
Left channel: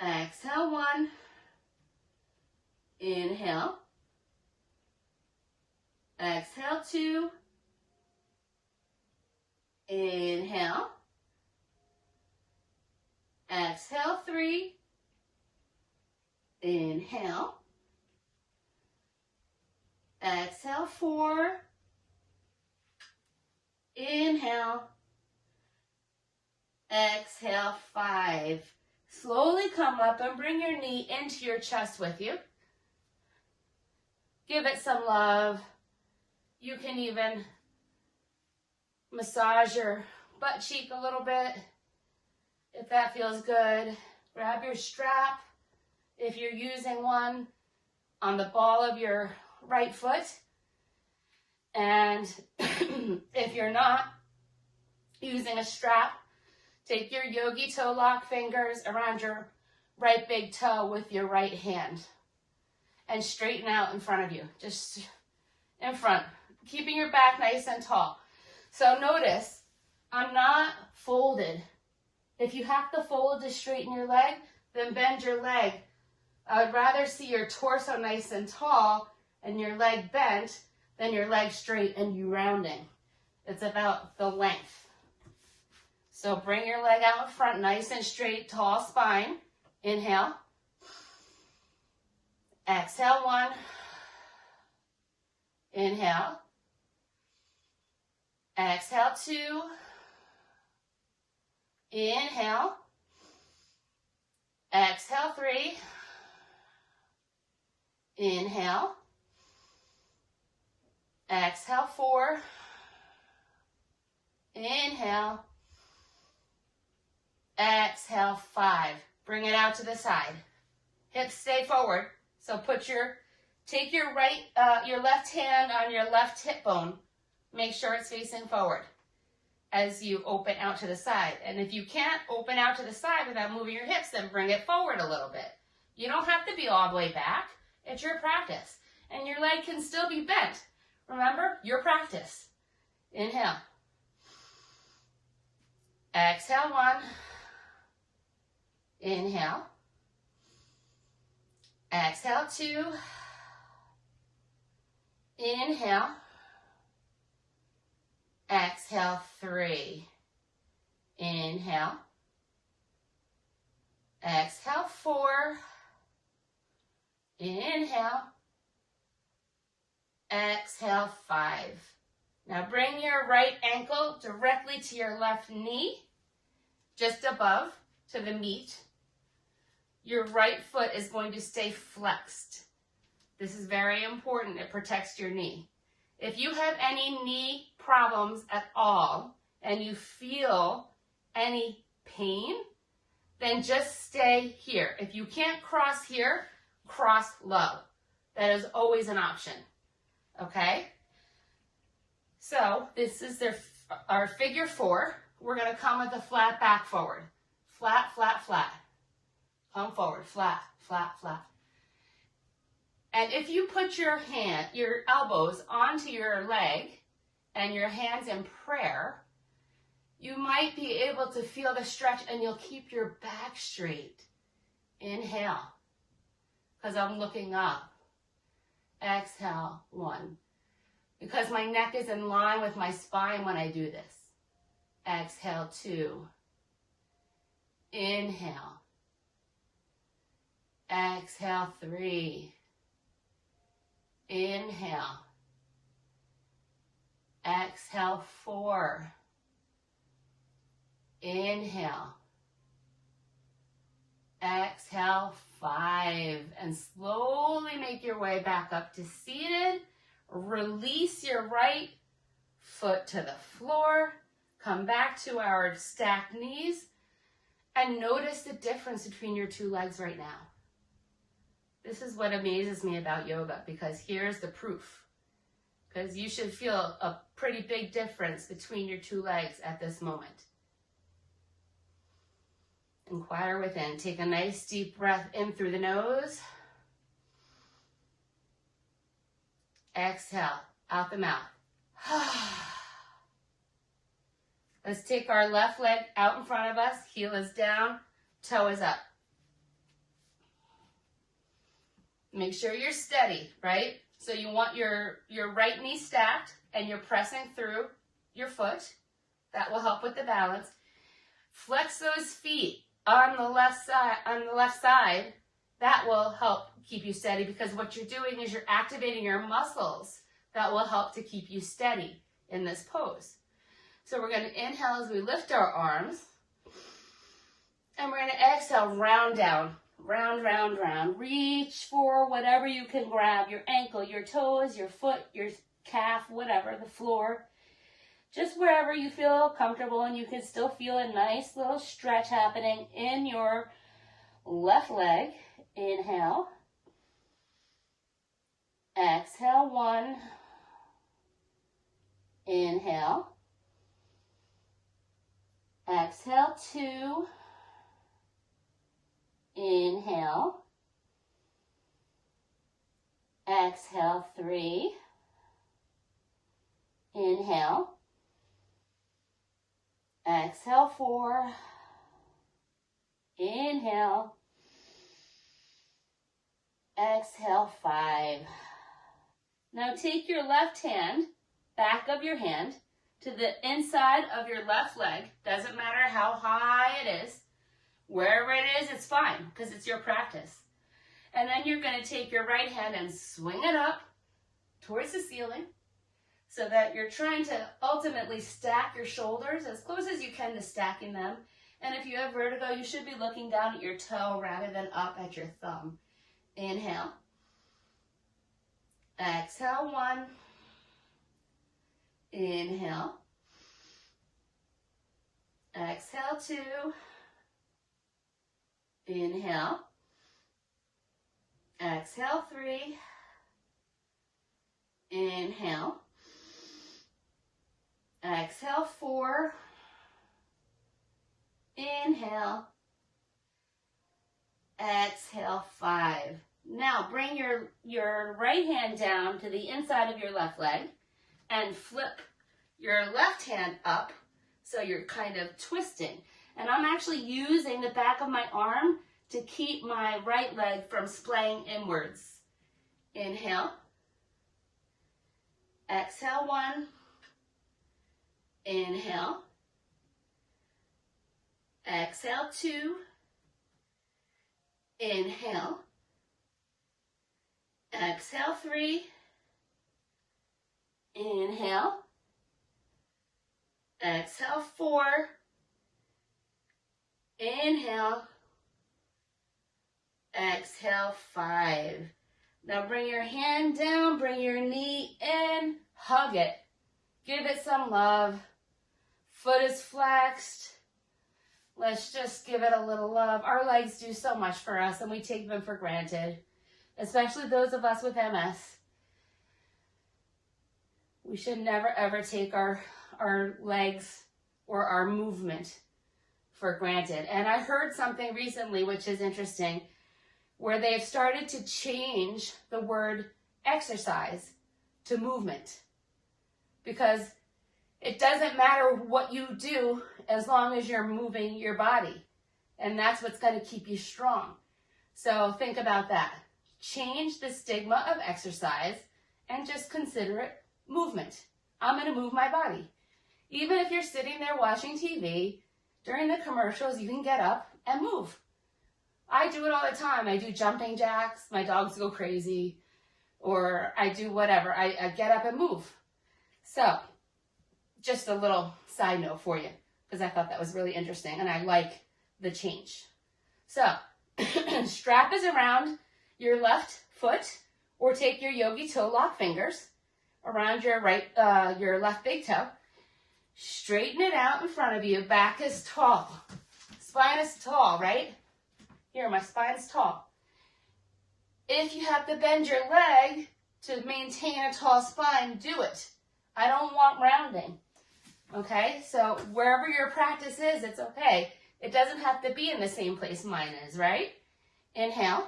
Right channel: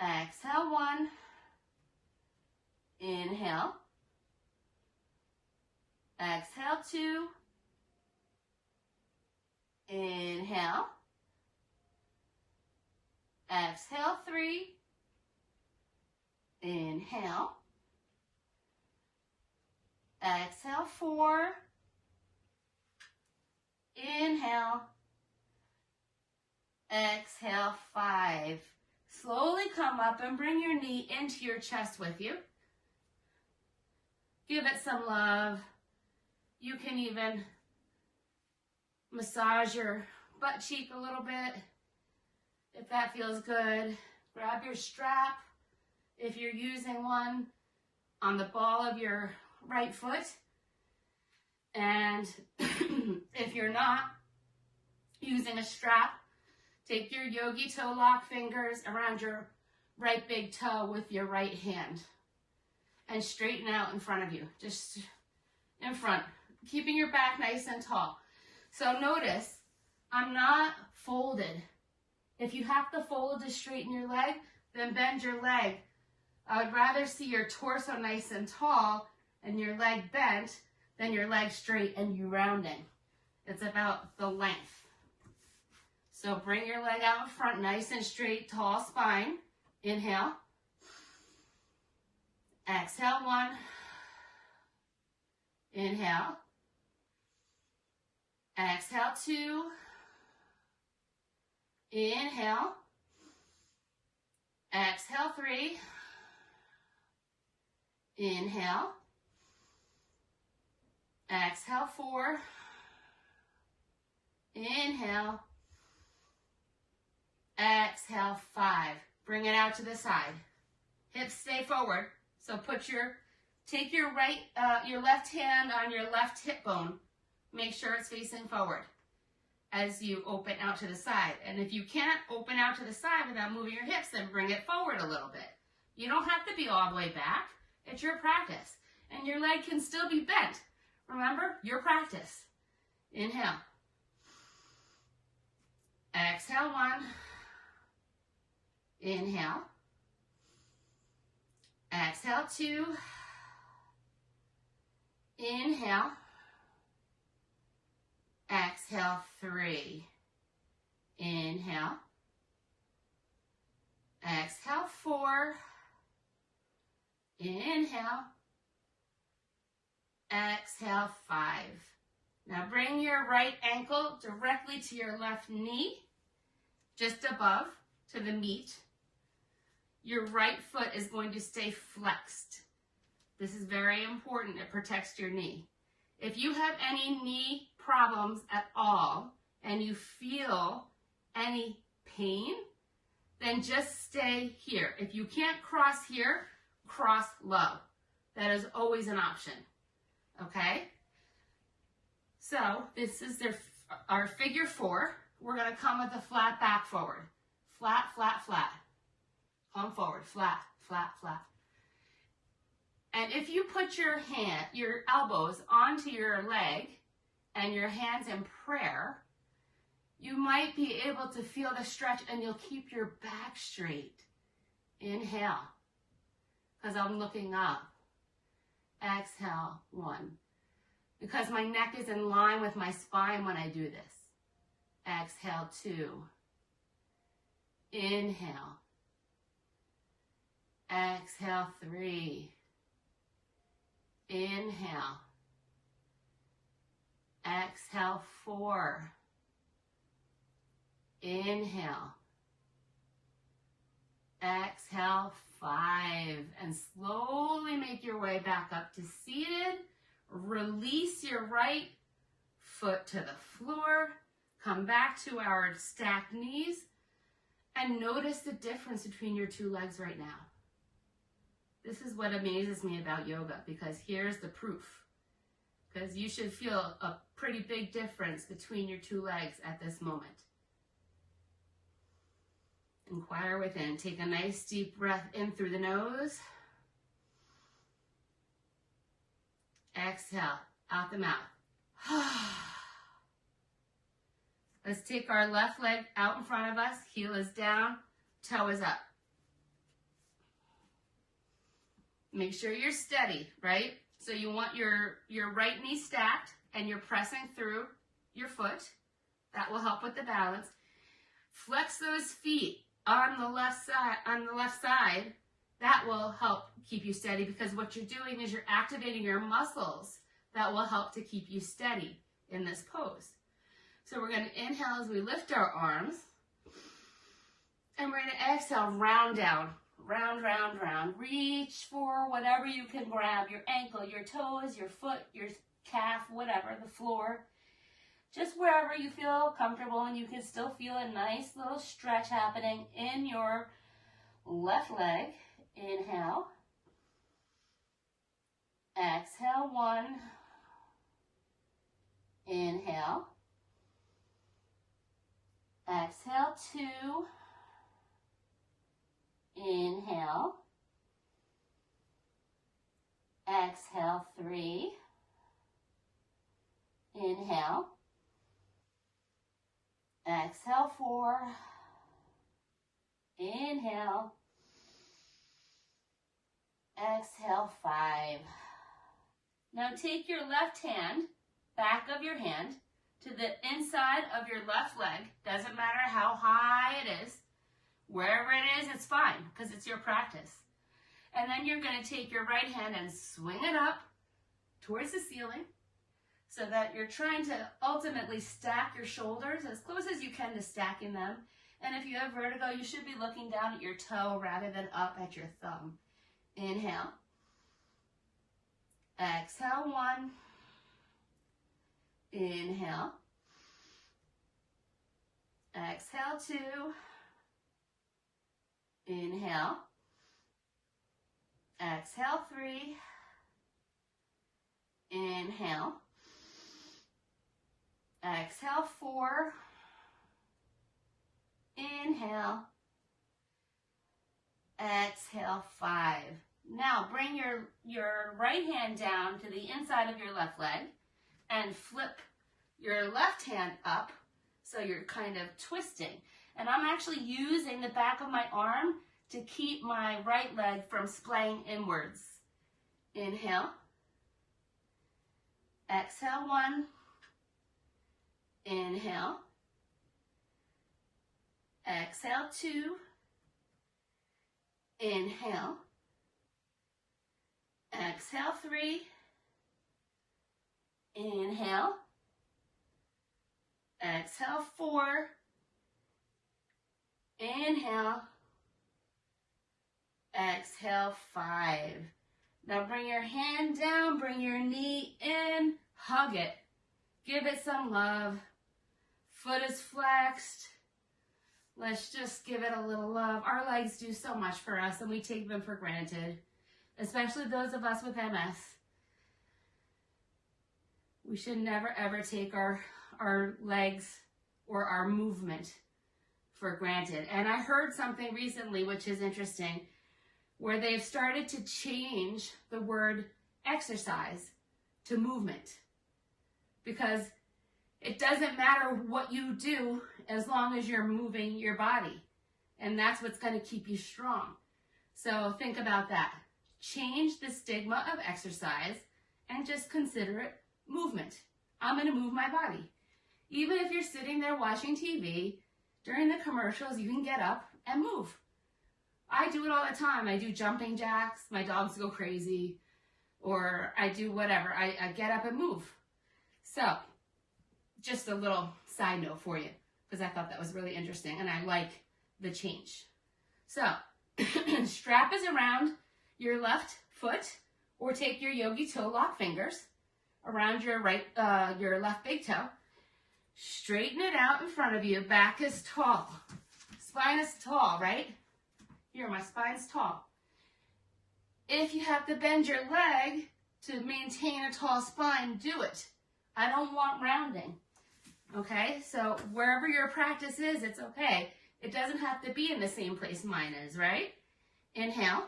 Exhale, 1. Inhale. Exhale, 2. Inhale. Exhale, 3. Inhale. Exhale, 4. Inhale. Exhale, 5. Slowly come up and bring your knee into your chest with you. Give it some love. You can even massage your butt cheek a little bit if that feels good. Grab your strap if you're using one on the ball of your right foot. And if you're not using a strap, take your yogi toe lock fingers around your right big toe with your right hand and straighten out in front of you, just in front, keeping your back nice and tall. So notice, I'm not folded. If you have to fold to straighten your leg, then bend your leg. I would rather see your torso nice and tall and your leg bent than your leg straight and you rounding. It's about the length. So bring your leg out in front, nice and straight, tall spine. Inhale. Exhale, 1. Inhale. Exhale, 2. Inhale. Exhale, 3. Inhale. Exhale, 4. Inhale. Exhale, 5. Bring it out to the side. Hips stay forward. So take your left hand on your left hip bone. Make sure it's facing forward as you open out to the side. And if you can't open out to the side without moving your hips, then bring it forward a little bit. You don't have to be all the way back. It's your practice. And your leg can still be bent. Remember, your practice. Inhale. Exhale, 1. Inhale. Exhale, 2. Inhale. Exhale, 3. Inhale. Exhale, 4. Inhale. Exhale, 5. Now bring your right ankle directly to your left knee, just above to the meat. Your right foot is going to stay flexed. This is very important. It protects your knee. If you have any knee problems at all and you feel any pain, then just stay here. If you can't cross here, cross low. That is always an option. Okay? So this is our figure 4. We're going to come with a flat back forward. Flat, flat, flat. Come forward. Flat, flat, flat. And if you put your elbows onto your leg and your hands in prayer, you might be able to feel the stretch and you'll keep your back straight. Inhale, because I'm looking up. Exhale, 1. Because my neck is in line with my spine when I do this. Exhale, 2. Inhale. Exhale, 3. Inhale. Exhale, 4. Inhale. Exhale, 5. And slowly make your way back up to seated. Release your right foot to the floor. Come back to our stacked knees. And notice the difference between your two legs right now. This is what amazes me about yoga, because here's the proof. Because you should feel a pretty big difference between your two legs at this moment. Inquire within. Take a nice deep breath in through the nose. Exhale out the mouth. Let's take our left leg out in front of us. Heel is down, toe is up. Make sure you're steady, right? So you want your right knee stacked and you're pressing through your foot. That will help with the balance. Flex those feet on the left side. That will help keep you steady, because what you're doing is you're activating your muscles that will help to keep you steady in this pose. So we're going to inhale as we lift our arms. And we're going to exhale, round down. Round, round, round. Reach for whatever you can grab. Your ankle, your toes, your foot, your calf, whatever, the floor. Just wherever you feel comfortable, and you can still feel a nice little stretch happening in your left leg. Inhale. Exhale, 1. Inhale. Exhale, 2. Inhale. Exhale, 3. Inhale. Exhale, 4. Inhale. Exhale, 5. Now take your left hand, back of your hand, to the inside of your left leg. Doesn't matter how high it is. Wherever it is, it's fine, because it's your practice. And then you're going to take your right hand and swing it up towards the ceiling, so that you're trying to ultimately stack your shoulders as close as you can to stacking them. And if you have vertigo, you should be looking down at your toe rather than up at your thumb. Inhale. Exhale, 1. Inhale. Exhale, 2. Inhale. Exhale, 3. Inhale. Exhale, 4. Inhale. Exhale, 5. Now bring your right hand down to the inside of your left leg and flip your left hand up so you're kind of twisting. And I'm actually using the back of my arm to keep my right leg from splaying inwards. Inhale. Exhale, 1. Inhale. Exhale, 2. Inhale. Exhale, 3. Inhale. Exhale, 4. Inhale. Exhale, 5. Now bring your hand down, bring your knee in, hug it. Give it some love. Foot is flexed. Let's just give it a little love. Our legs do so much for us and we take them for granted, especially those of us with MS. We should never ever take our legs or our movement for granted. And I heard something recently which is interesting, where they've started to change the word exercise to movement, because it doesn't matter what you do as long as you're moving your body, and that's what's going to keep you strong. So think about that. Change the stigma of exercise and just consider it movement. I'm going to move my body. Even if you're sitting there watching TV, during the commercials, you can get up and move. I do it all the time. I do jumping jacks. My dogs go crazy. Or I do whatever. I get up and move. So, just a little side note for you, because I thought that was really interesting and I like the change. So, strap is around your left foot, or take your yogi toe lock fingers around your left big toe. Straighten it out in front of you. Back is tall. Spine is tall, right? Here, my spine's tall. If you have to bend your leg to maintain a tall spine, do it. I don't want rounding. Okay, so wherever your practice is, it's okay. It doesn't have to be in the same place mine is, right? Inhale.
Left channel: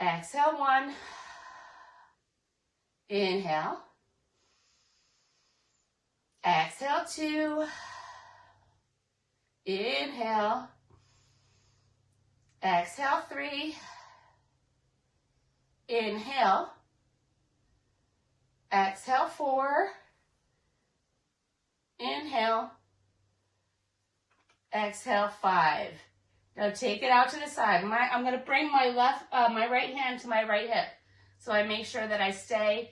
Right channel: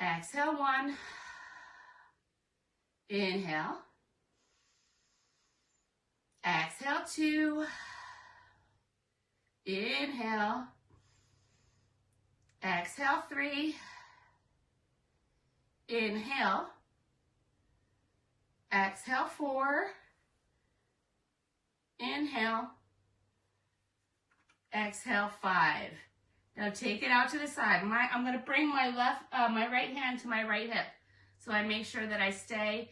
Exhale, 1. Inhale. Exhale, 2. Inhale. Exhale, 3. Inhale. Exhale, 4. Inhale. Exhale, 5. Now take it out to the side. I'm going to bring my right hand to my right hip, so I make sure that I stay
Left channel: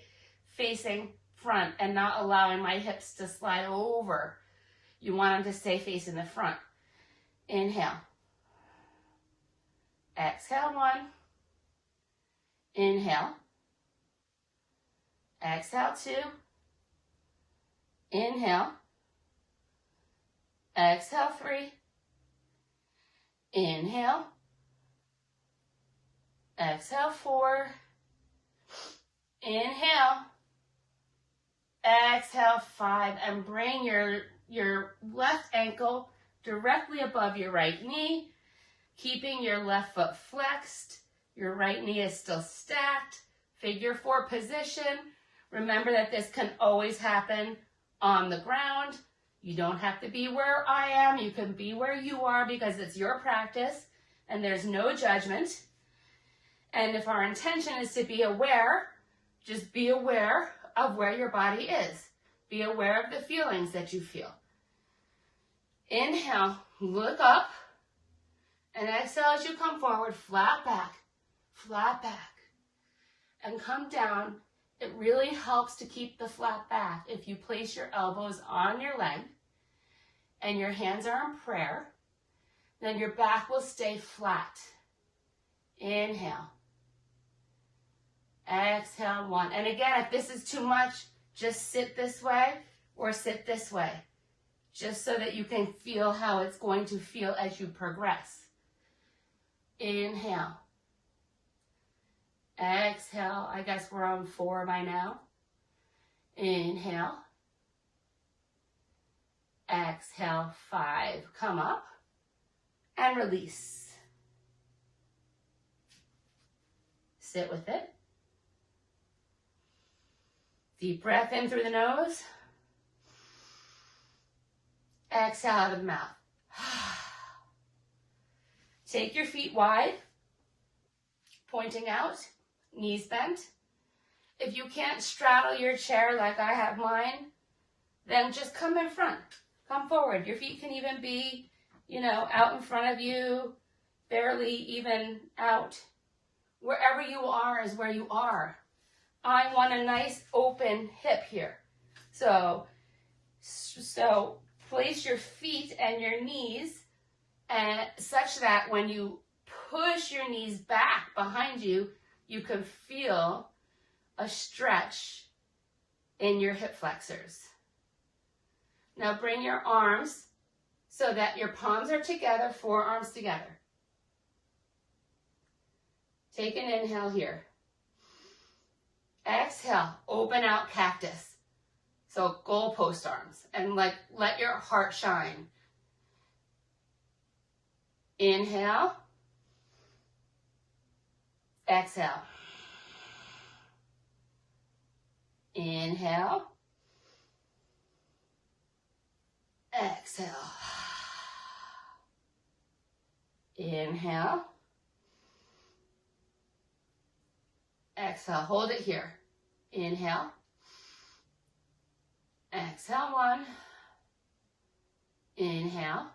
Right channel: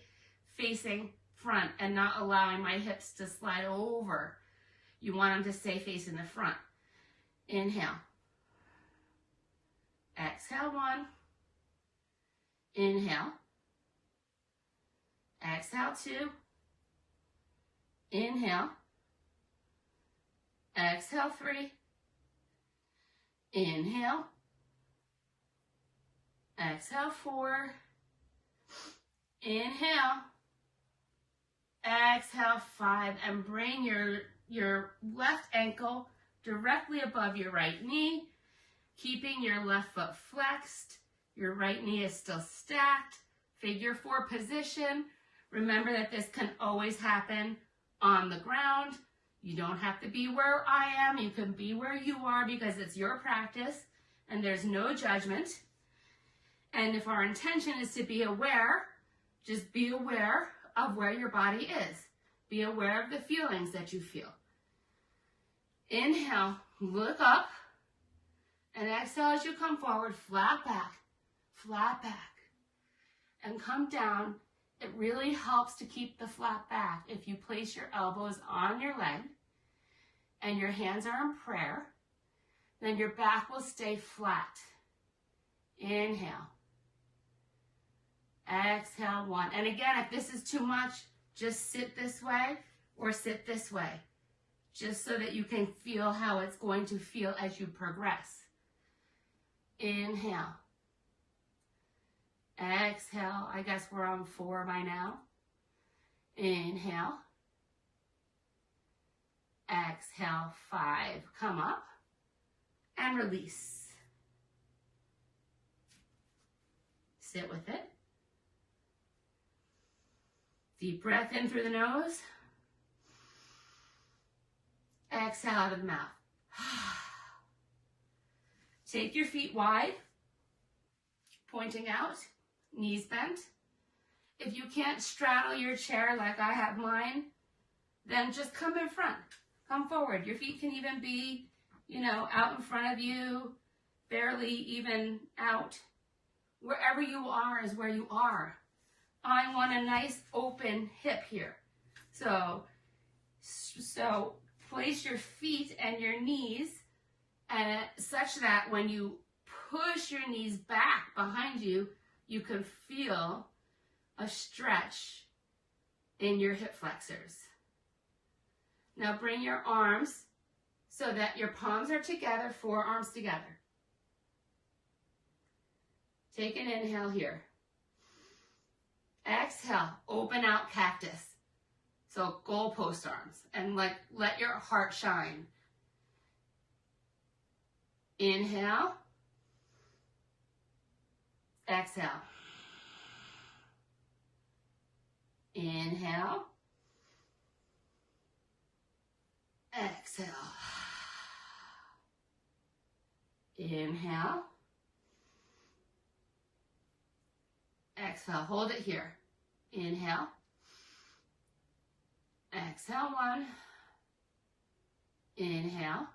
facing front and not allowing my hips to slide over. You want them to stay facing the front. Inhale. Exhale, 1. Inhale. Exhale, 2. Inhale. Exhale, 3. Inhale. Exhale, 4. Inhale. Exhale, 5. And bring your left ankle directly above your right knee, keeping your left foot flexed. Your right knee is still stacked. Figure 4 position. Remember that this can always happen on the ground. You don't have to be where I am. You can be where you are, because it's your practice and there's no judgment. And if our intention is to be aware, just be aware of where your body is. Be aware of the feelings that you feel. Inhale, look up, and exhale as you come forward, flat back, and come down. It really helps to keep the flat back if you place your elbows on your leg and your hands are in prayer, then your back will stay flat. Inhale. Exhale, 1. And again, if this is too much, just sit this way or sit this way. just so that you can feel how it's going to feel as you progress. Inhale. Exhale. I guess we're on 4 by now. Inhale. Exhale, 5. Come up and release. Sit with it. Deep breath in through the nose. Exhale out of the mouth. Take your feet wide, pointing out, knees bent. If you can't straddle your chair like I have mine, then just come in front. Come forward. Your feet can even be, out in front of you, barely even out. Wherever you are is where you are. I want a nice open hip here. So place your feet and your knees such that when you push your knees back behind you, you can feel a stretch in your hip flexors. Now bring your arms so that your palms are together, forearms together. Take an inhale here. Exhale, open out cactus. So goalpost arms, and let your heart shine. Inhale. Exhale. Inhale. Exhale. Inhale. Exhale. Hold it here. Inhale. Exhale, 1. Inhale.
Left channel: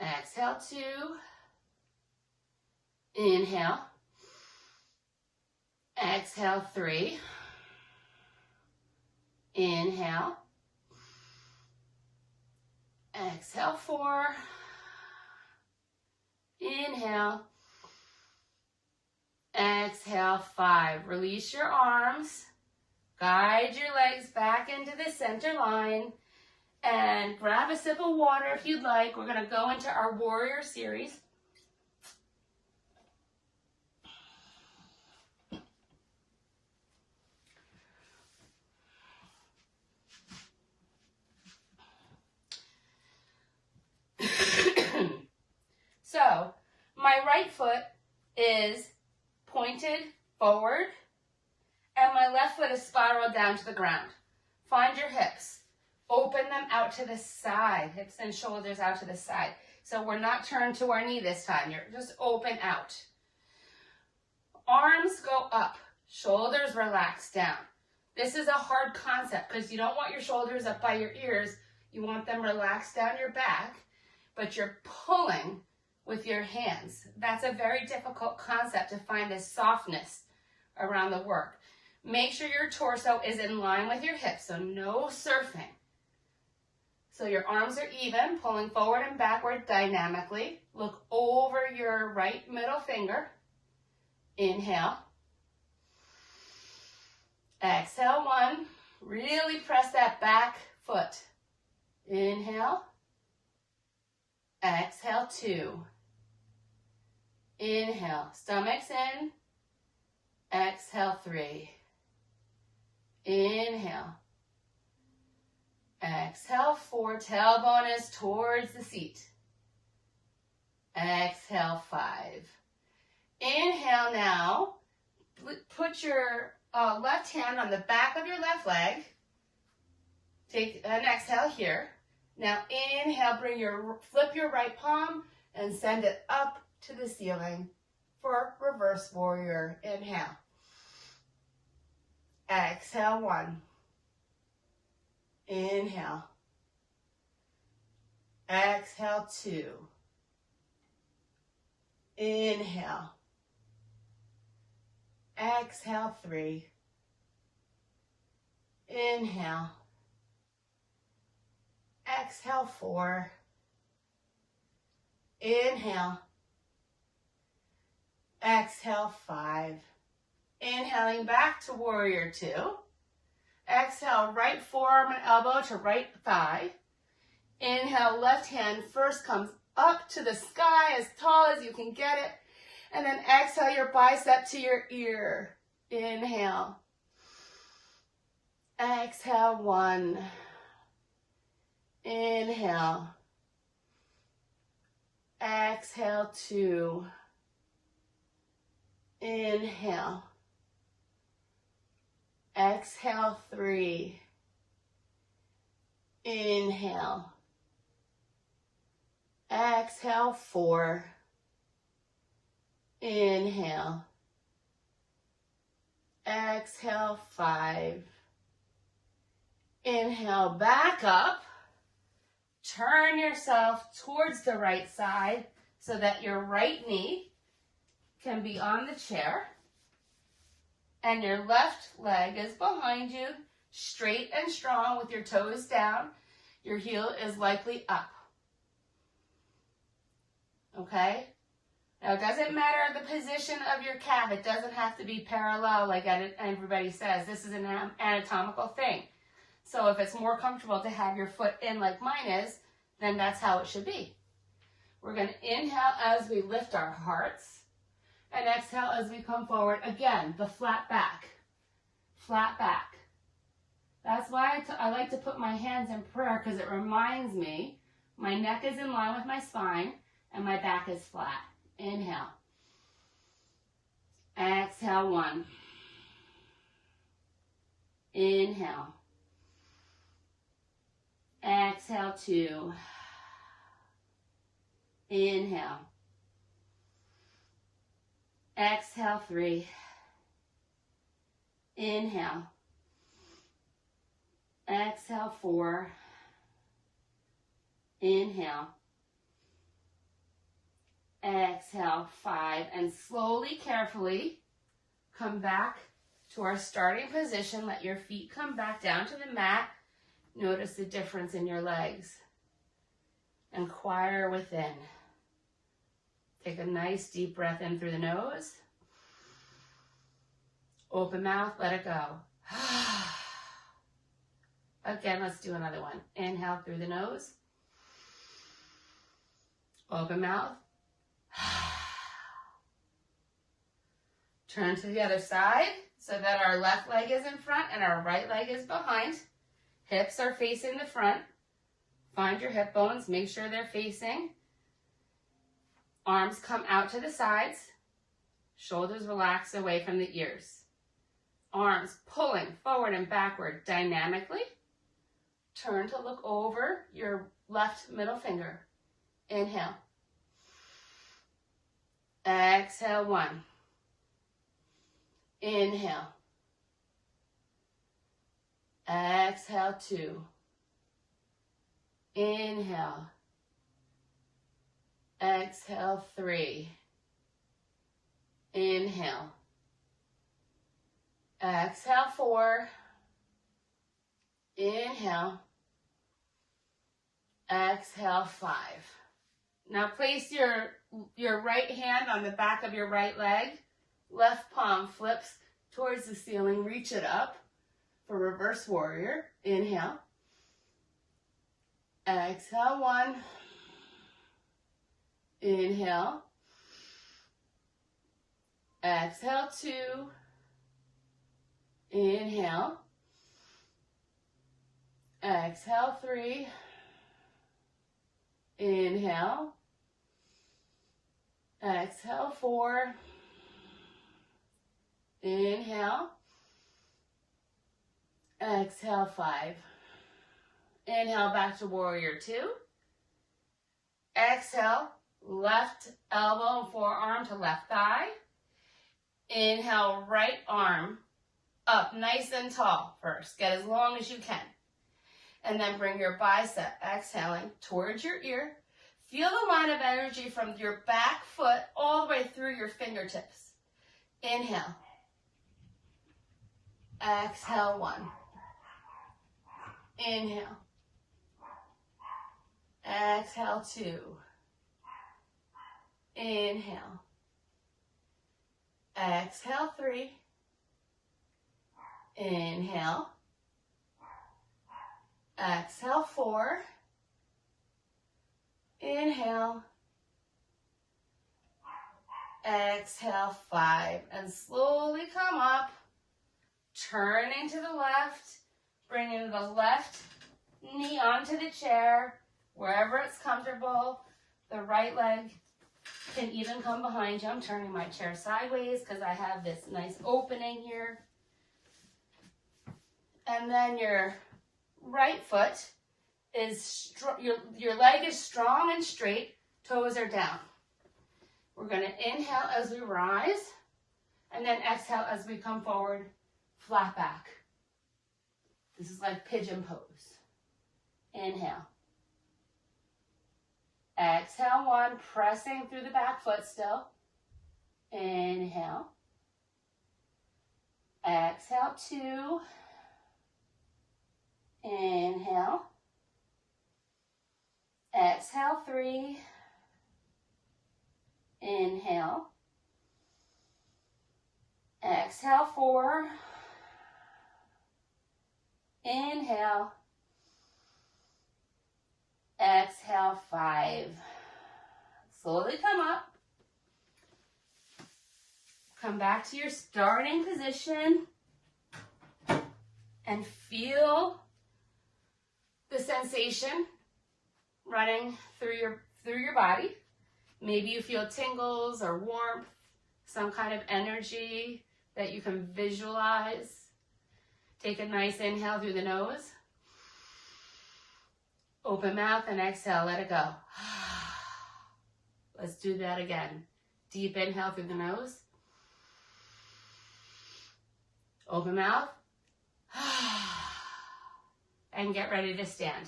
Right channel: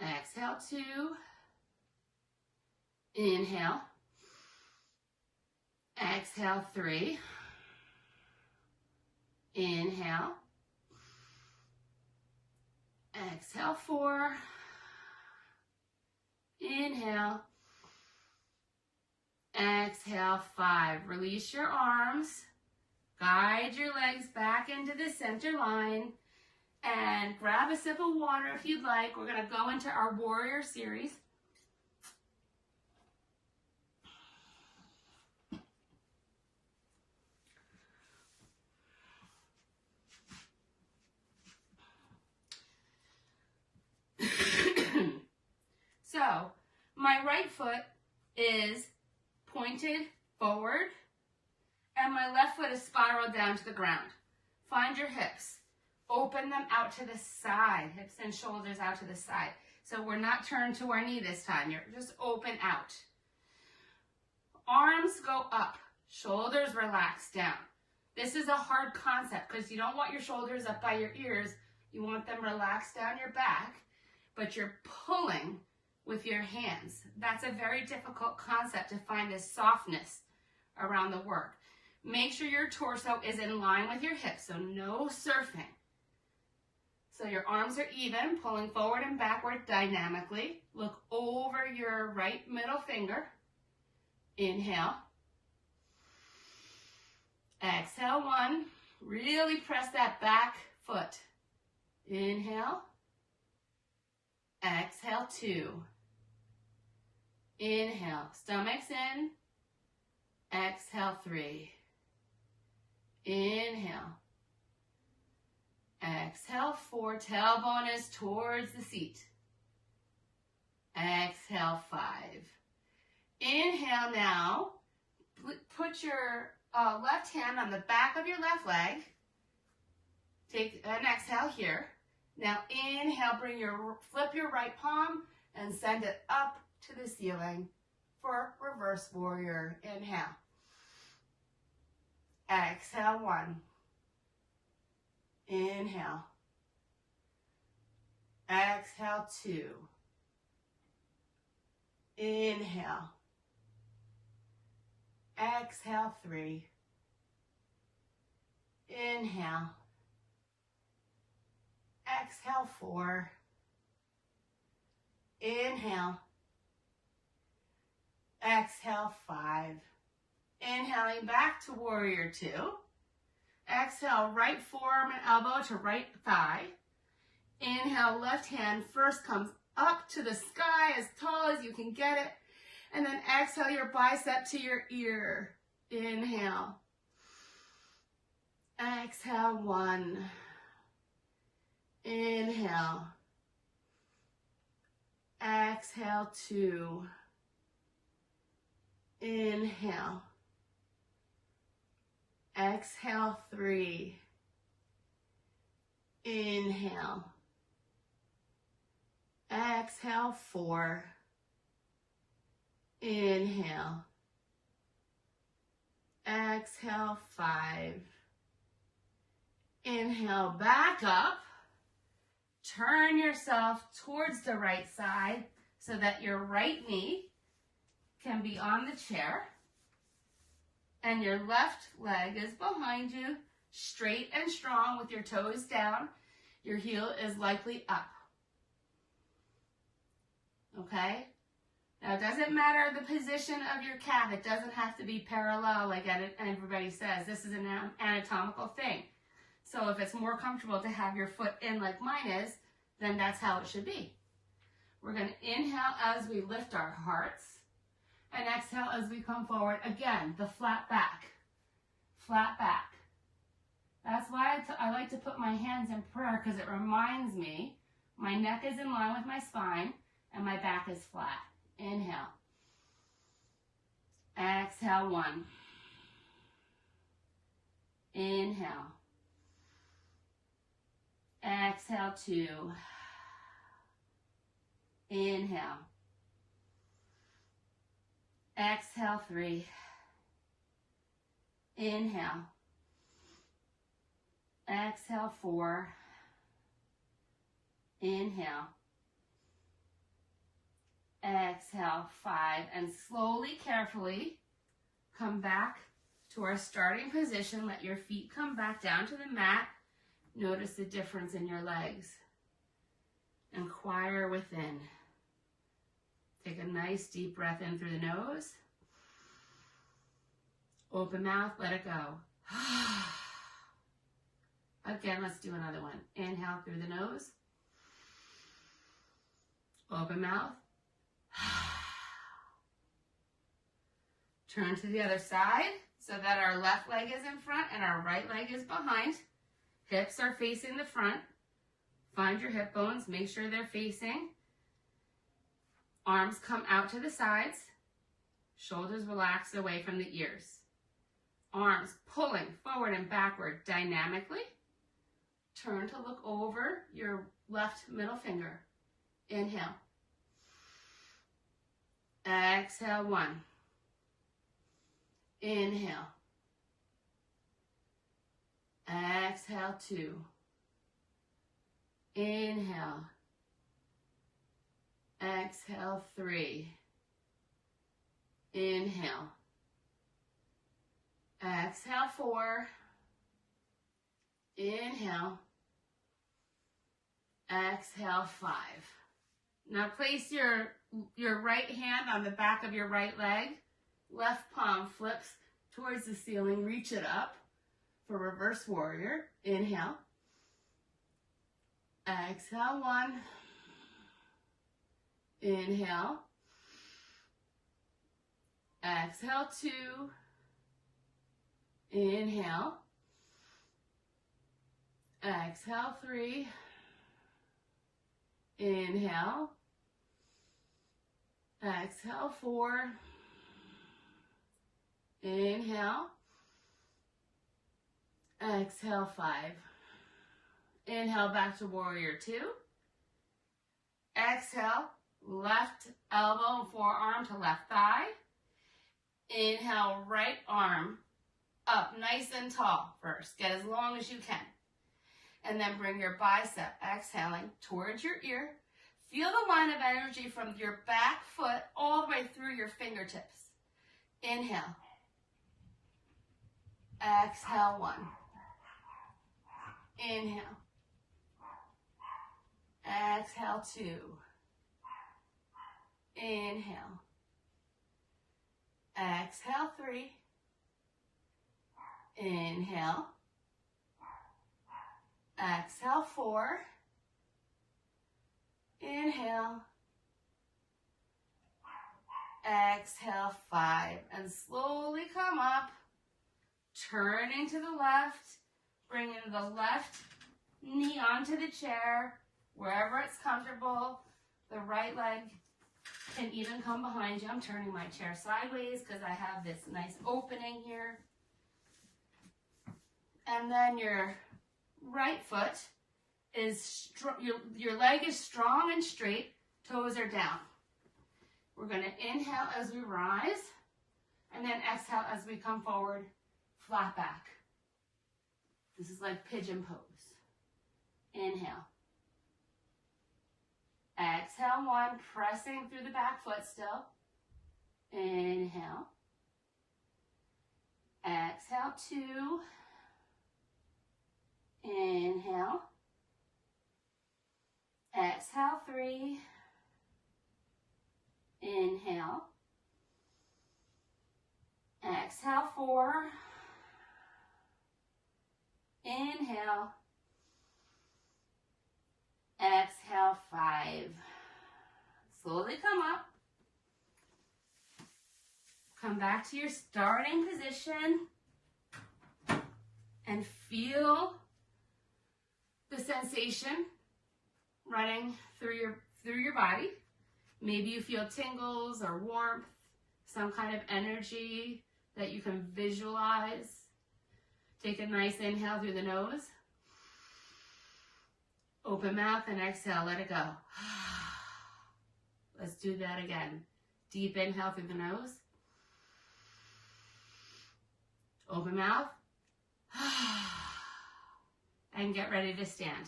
Exhale, 2. Inhale. Exhale, 3. Inhale. Exhale, 4. Inhale. Exhale, 5. Release your arms. Guide your legs back into the center line. And grab a sip of water if you'd like. We're going to go into our warrior series. So, my right foot is pointed forward, and my left foot is spiraled down to the ground. Find your hips. Open them out to the side. Hips and shoulders out to the side. So we're not turned to our knee this time. You're just open out. Arms go up. Shoulders relax down. This is a hard concept because you don't want your shoulders up by your ears. You want them relaxed down your back, but you're pulling with your hands. That's a very difficult concept to find this softness around the work. Make sure your torso is in line with your hips, so no surfing. So your arms are even, pulling forward and backward dynamically. Look over your right middle finger. Inhale. Exhale, 1. Really press that back foot. Inhale. Exhale, 2. Inhale, stomach's in. Exhale, 3. Inhale. Exhale, 4. Tailbone is towards the seat. Exhale, 5. Inhale now. Put your left hand on the back of your left leg. Take an exhale here. Now inhale, flip your right palm and send it up to the ceiling for reverse warrior. Inhale. Exhale, 1. Inhale. Exhale, 2. Inhale. Exhale, 3. Inhale. Exhale, 4. Inhale. Exhale, 5. Inhaling back to warrior 2. Exhale, right forearm and elbow to right thigh. Inhale, left hand first comes up to the sky as tall as you can get it. And then exhale your bicep to your ear. Inhale. Exhale, 1. Inhale. Exhale, 2. Inhale. Exhale, 3. Inhale. Exhale, 4. Inhale. Exhale, 5. Inhale, back up. Turn yourself towards the right side so that your right knee can be on the chair and your left leg is behind you, straight and strong with your toes down. Your heel is likely up. Okay? Now, it doesn't matter the position of your calf. It doesn't have to be parallel like everybody says. This is an anatomical thing. So if it's more comfortable to have your foot in like mine is, then that's how it should be. We're going to inhale as we lift our hearts and exhale as we come forward. Again, the flat back. Flat back. That's why I like to put my hands in prayer, because it reminds me my neck is in line with my spine and my back is flat. Inhale. Exhale, 1. Inhale. Exhale, 2. Inhale. Exhale, 3. Inhale. Exhale, 4. Inhale. Exhale, 5. And slowly, carefully, come back to our starting position. Let your feet come back down to the mat. Notice the difference in your legs. Inquire within. Take a nice deep breath in through the nose. Open mouth, let it go. Again, let's do another one. Inhale through the nose. Open mouth. Turn to the other side so that our left leg is in front and our right leg is behind. Hips are facing the front. Find your hip bones. Make sure they're facing. Arms come out to the sides. Shoulders relax away from the ears. Arms pulling forward and backward dynamically. Turn to look over your left middle finger. Inhale. Exhale, 1. Inhale. Exhale, 2. Inhale. Exhale, 3. Inhale. Exhale, 4. Inhale. Exhale, 5. Now place your right hand on the back of your right leg. Left palm flips towards the ceiling. Reach it up for reverse warrior. Inhale. Exhale, 1. Inhale. Exhale, 2. Inhale. Exhale, 3. Inhale. Exhale, 4. Inhale. Exhale, 5. Inhale, back to warrior 2. Exhale, left elbow and forearm to left thigh. Inhale, right arm up nice and tall first. Get as long as you can. And then bring your bicep, exhaling, towards your ear. Feel the line of energy from your back foot all the way through your fingertips. Inhale. Exhale, 1. Inhale. Exhale, 2. Inhale. Exhale, 3. Inhale. Exhale, 4. Inhale. Exhale, 5. And slowly come up, turning to the left, bringing the left knee onto the chair, wherever it's comfortable. The right leg can even come behind you. I'm turning my chair sideways because I have this nice opening here. And then your right foot is, your leg is strong and straight, toes are down. We're going to inhale as we rise, and then exhale as we come forward, flat back. This is like pigeon pose. Inhale. Exhale, 1, pressing through the back foot still. Inhale. Exhale, 2. Inhale. Exhale, 3. Inhale. Exhale, 4. Inhale. Exhale, 5. Slowly come up. Come back to your starting position and feel the sensation running through your body. Maybe you feel tingles or warmth, some kind of energy that you can visualize. Take a nice inhale through the nose. Open mouth and exhale, let it go. Let's do that again. Deep inhale through the nose. Open mouth. And get ready to stand.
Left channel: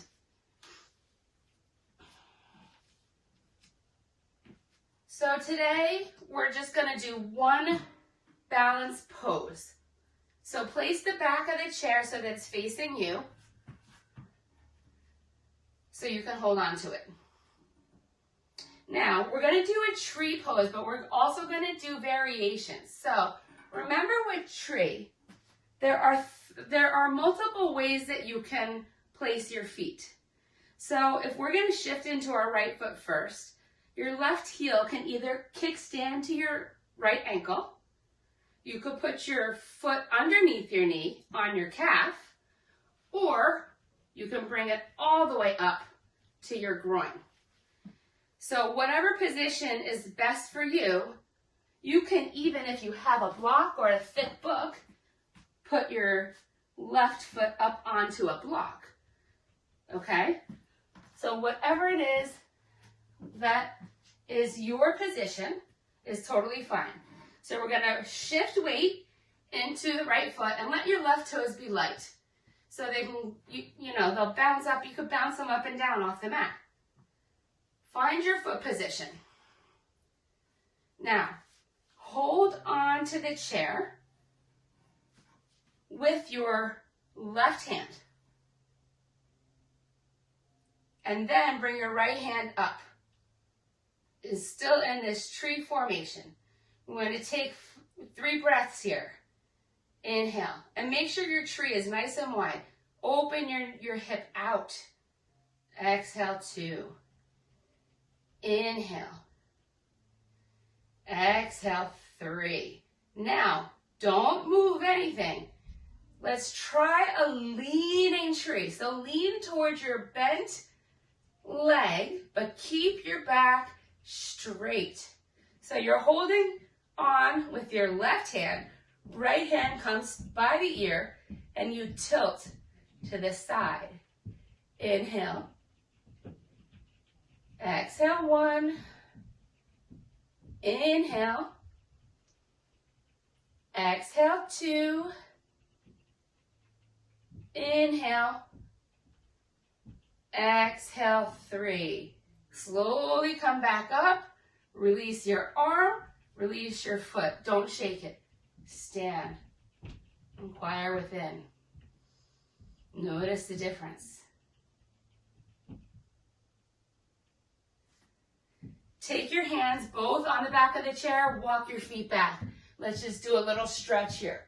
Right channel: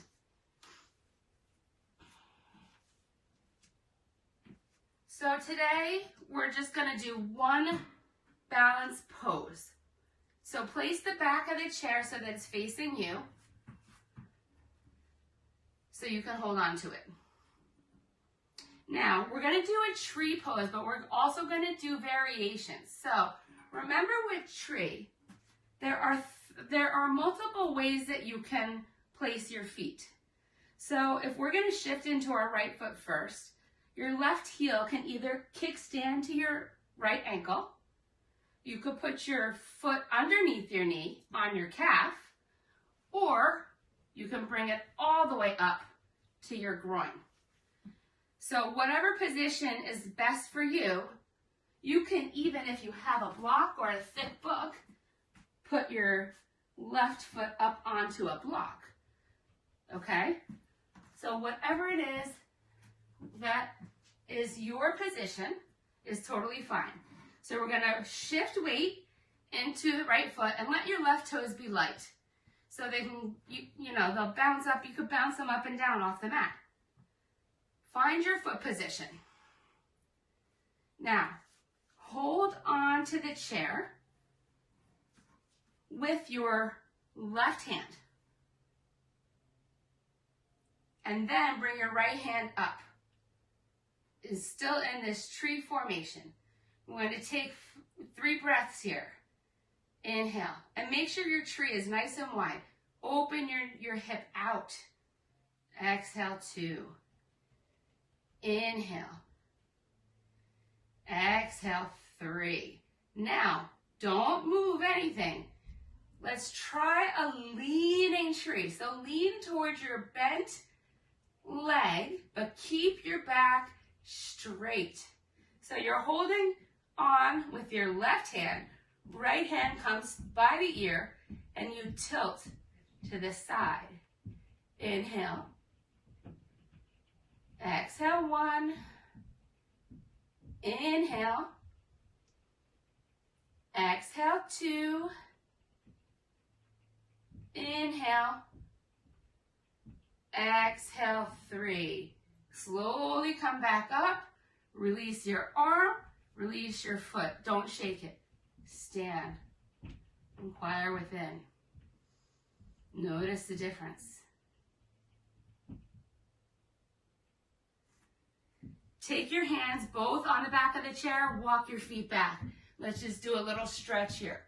So today, we're just gonna do one balance pose. So place the back of the chair so that it's facing you, so you can hold on to it. Now, we're gonna do a tree pose, but we're also gonna do variations. So remember with tree, there are multiple ways that you can place your feet. So if we're gonna shift into our right foot first, your left heel can either kickstand to your right ankle. You could put your foot underneath your knee on your calf, or you can bring it all the way up to your groin. So whatever position is best for you, you can even, if you have a block or a thick book, put your left foot up onto a block, okay? So whatever it is that is your position is totally fine. So we're gonna shift weight into the right foot and let your left toes be light. So they can, you know, they'll bounce up. You could bounce them up and down off the mat. Find your foot position. Now, hold on to the chair with your left hand. And then bring your right hand up. It's still in this tree formation. We're going to take 3 breaths here. Inhale. And make sure your tree is nice and wide. Open your hip out. Exhale, 2. Inhale. Exhale, 3. Now, don't move anything. Let's try a leaning tree. So lean towards your bent leg, but keep your back straight. So you're holding on with your left hand. Right hand comes by the ear, and you tilt to the side. Inhale. Exhale, 1. Inhale. Exhale, 2. Inhale. Exhale, 3. Slowly come back up. Release your arm. Release your foot. Don't shake it. Stand. Inquire within. Notice the difference. Take your hands both on the back of the chair. Walk your feet back. Let's just do a little stretch here.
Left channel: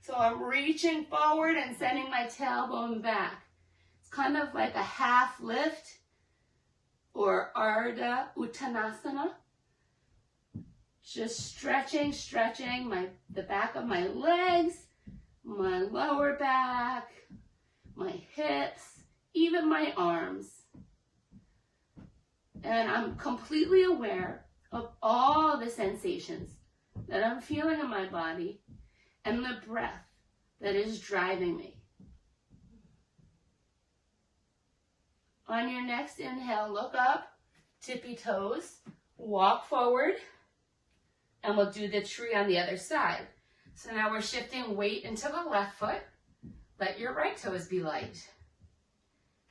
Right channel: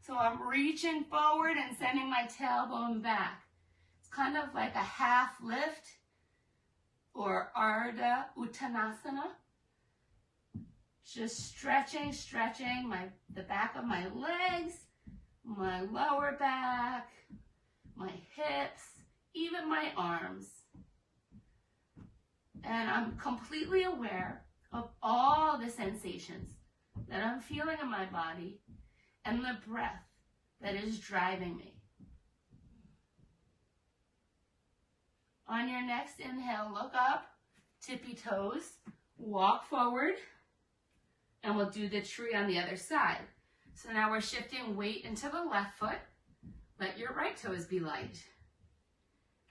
So I'm reaching forward and sending my tailbone back. kind of like a half lift or Ardha Uttanasana. Just stretching the back of my legs, my lower back, my hips, even my arms. And I'm completely aware of all the sensations that I'm feeling in my body and the breath that is driving me. On your next inhale, look up, tippy toes, walk forward, and we'll do the tree on the other side. So now we're shifting weight into the left foot. Let your right toes be light.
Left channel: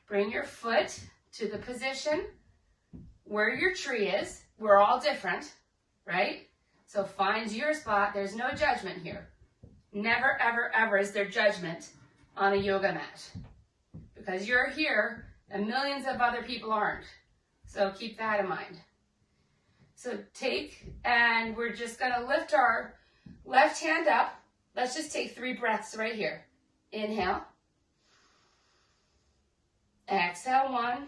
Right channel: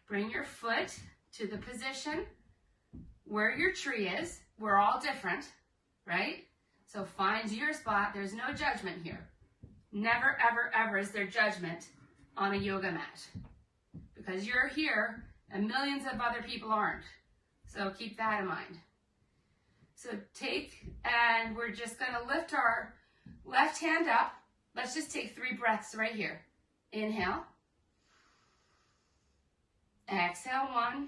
Bring your foot to the position where your tree is. We're all different, right? So find your spot. There's no judgment here. Never, ever, ever is there judgment on a yoga mat, because you're here and millions of other people aren't. So keep that in mind. So and we're just gonna lift our left hand up. Let's just take 3 breaths right here. Inhale. Exhale, 1.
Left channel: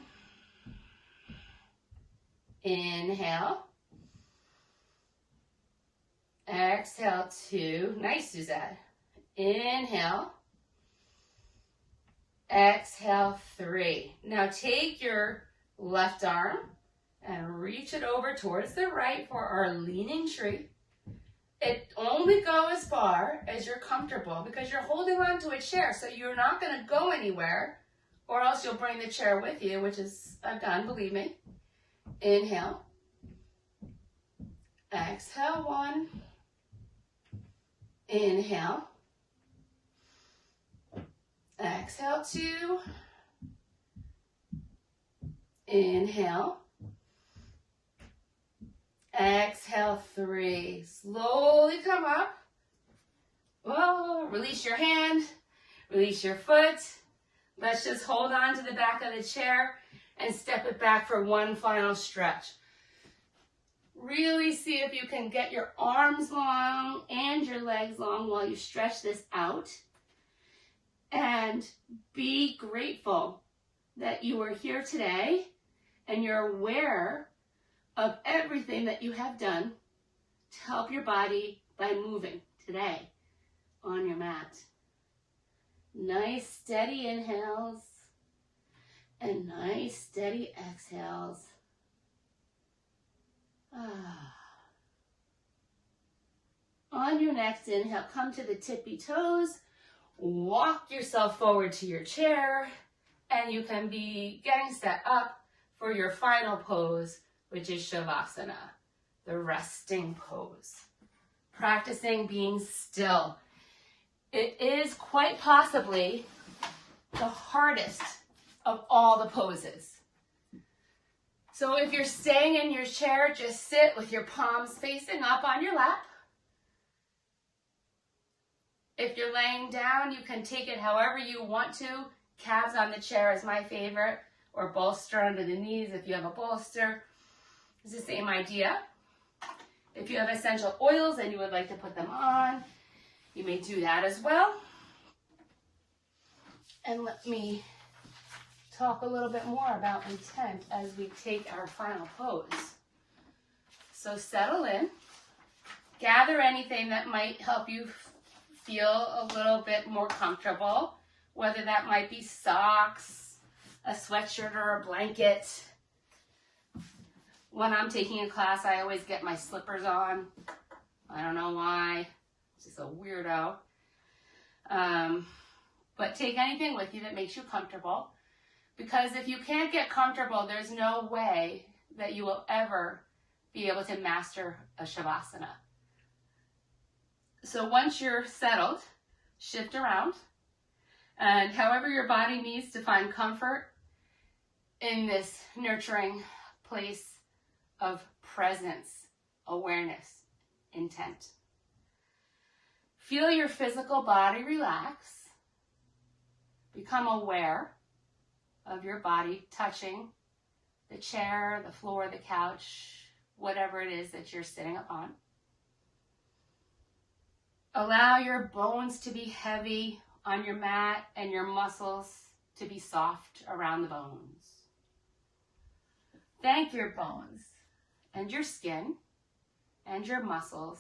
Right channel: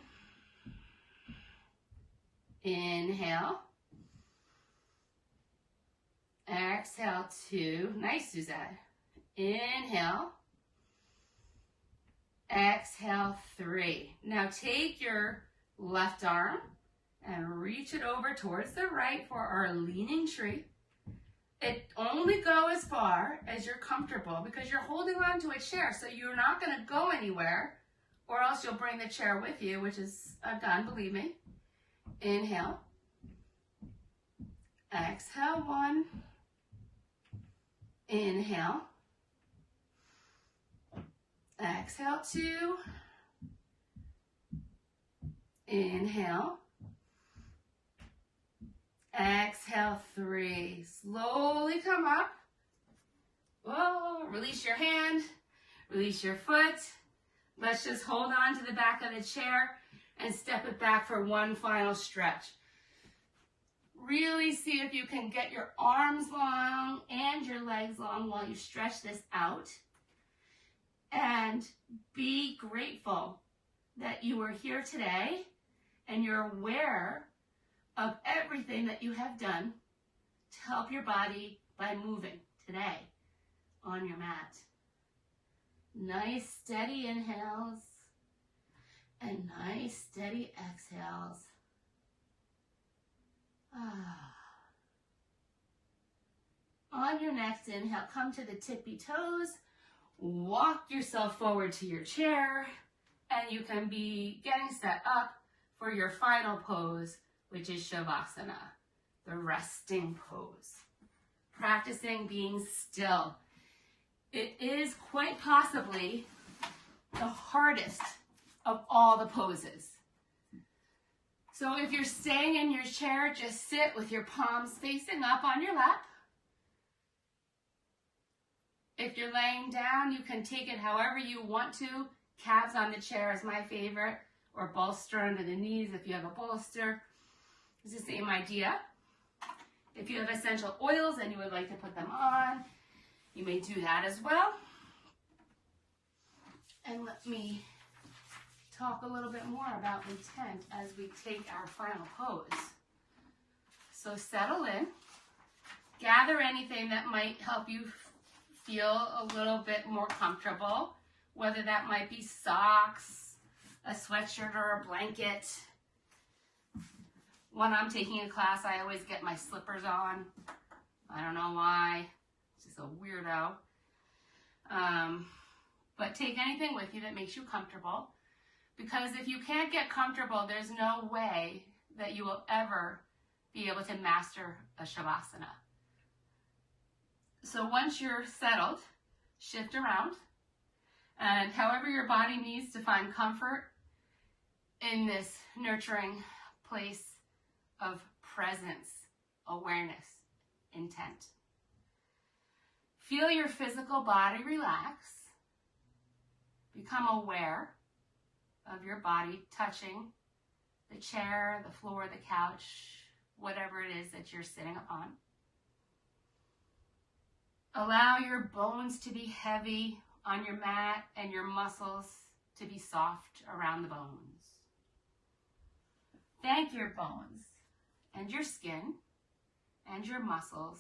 Inhale. Exhale, 2. Nice, Suzette. Inhale. Exhale, 3. Now take your left arm and reach it over towards the right for our leaning tree. It only go as far as you're comfortable, because you're holding on to a chair, so you're not going to go anywhere, or else you'll bring the chair with you, which is I've done, believe me. Inhale. Exhale, 1. Inhale. Exhale, 2. Inhale. Exhale, 3. Slowly come up. Whoa, release your hand, release your foot. Let's just hold on to the back of the chair and step it back for one final stretch. Really see if you can get your arms long and your legs long while you stretch this out. And be grateful that you are here today and you're aware of everything that you have done to help your body by moving today on your mat. Nice steady inhales and nice steady exhales. On your next inhale, come to the tippy toes, walk yourself forward to your chair, and you can be getting set up for your final pose, which is Shavasana, the resting pose. Practicing being still. It is quite possibly the hardest of all the poses. So if you're staying in your chair, just sit with your palms facing up on your lap. If you're laying down, you can take it however you want to. Calves on the chair is my favorite, or bolster under the knees if you have a bolster. It's the same idea. If you have essential oils and you would like to put them on, you may do that as well. And let me talk a little bit more about intent as we take our final pose. So settle in. Gather anything that might help you feel a little bit more comfortable, whether that might be socks, a sweatshirt, or a blanket. When I'm taking a class, I always get my slippers on. I don't know why. It's just a weirdo. But take anything with you that makes you comfortable, because if you can't get comfortable, there's no way that you will ever be able to master a Shavasana. So once you're settled, shift around, and however your body needs to find comfort in this nurturing place of presence, awareness, intent. Feel your physical body relax. Become aware of your body touching the chair, the floor, the couch, whatever it is that you're sitting upon. Allow your bones to be heavy on your mat and your muscles to be soft around the bones. Thank your bones and your skin and your muscles,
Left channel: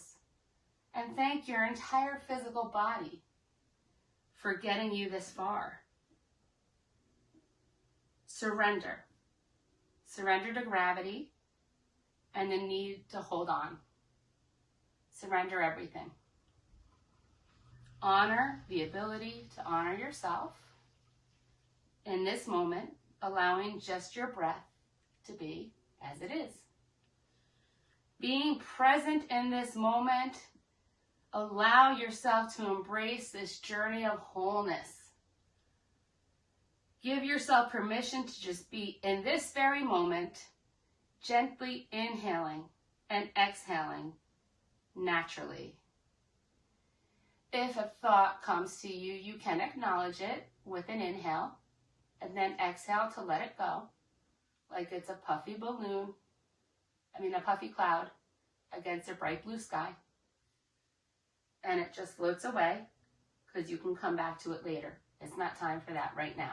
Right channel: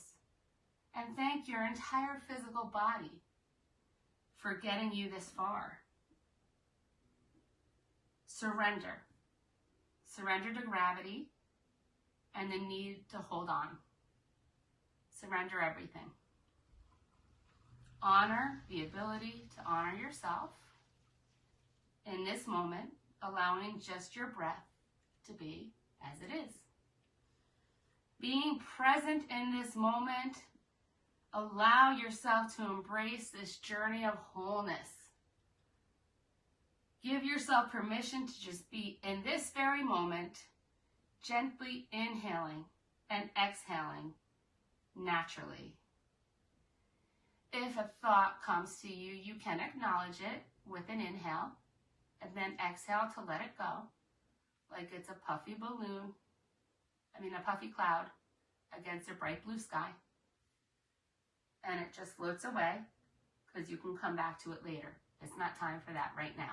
and thank your entire physical body for getting you this far. Surrender. Surrender to gravity and the need to hold on. Surrender everything. Honor the ability to honor yourself in this moment, allowing just your breath to be as it is. Being present in this moment, allow yourself to embrace this journey of wholeness. Give yourself permission to just be in this very moment, gently inhaling and exhaling naturally. If a thought comes to you, you can acknowledge it with an inhale and then exhale to let it go, like it's a puffy balloon, a puffy cloud against a bright blue sky. And it just floats away because you can come back to it later. It's not time for that right now.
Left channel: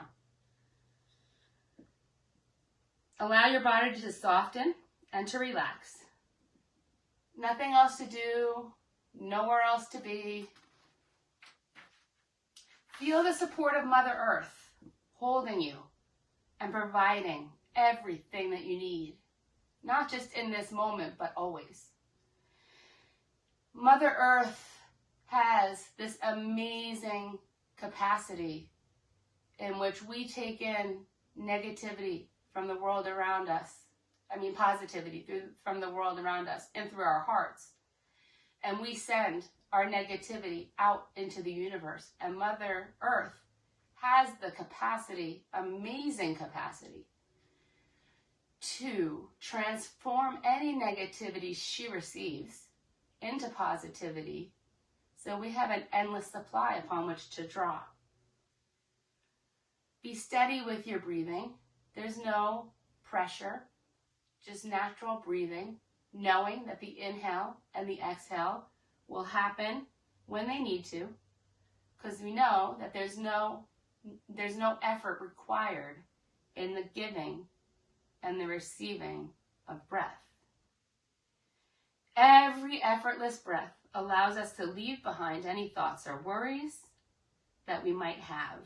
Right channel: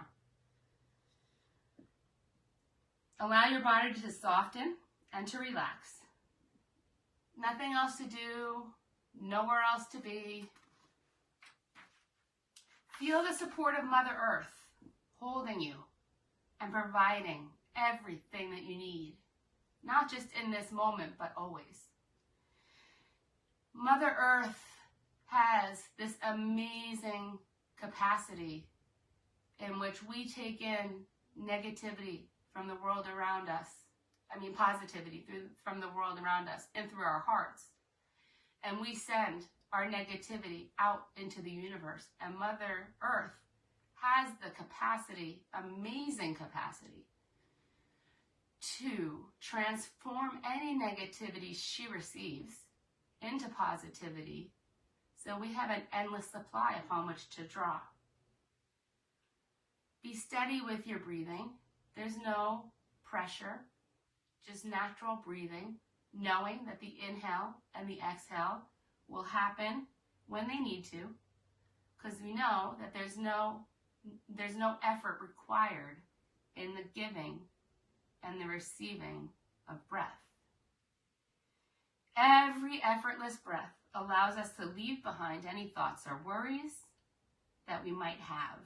Allow your body to soften and to relax. Nothing else to do, nowhere else to be. Feel the support of Mother Earth holding you and providing everything that you need, not just in this moment, but always. Mother Earth has this amazing capacity in which we take in negativity from the world around us. Positivity from the world around us and through our hearts. And we send our negativity out into the universe. And Mother Earth has the capacity, amazing capacity, to transform any negativity she receives into positivity. So we have an endless supply upon which to draw. Be steady with your breathing. There's no pressure, just natural breathing, knowing that the inhale and the exhale will happen when they need to, because we know that there's no effort required in the giving and the receiving of breath. Every effortless breath allows us to leave behind any thoughts or worries that we might have.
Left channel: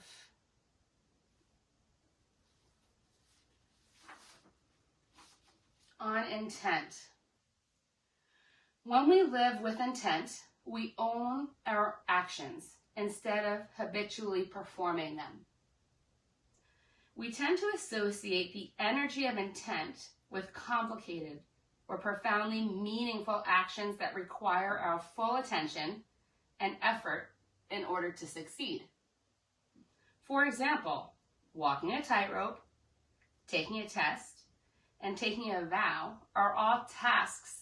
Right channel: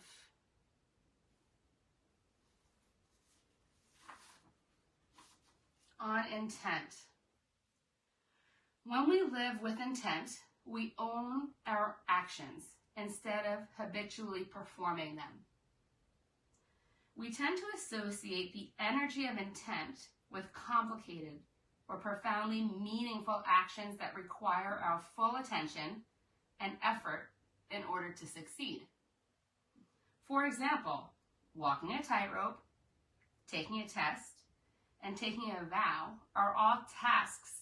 On intent. When we live with intent, we own our actions instead of habitually performing them. We tend to associate the energy of intent with complicated or profoundly meaningful actions that require our full attention and effort in order to succeed. For example, walking a tightrope, taking a test, and taking a vow are all tasks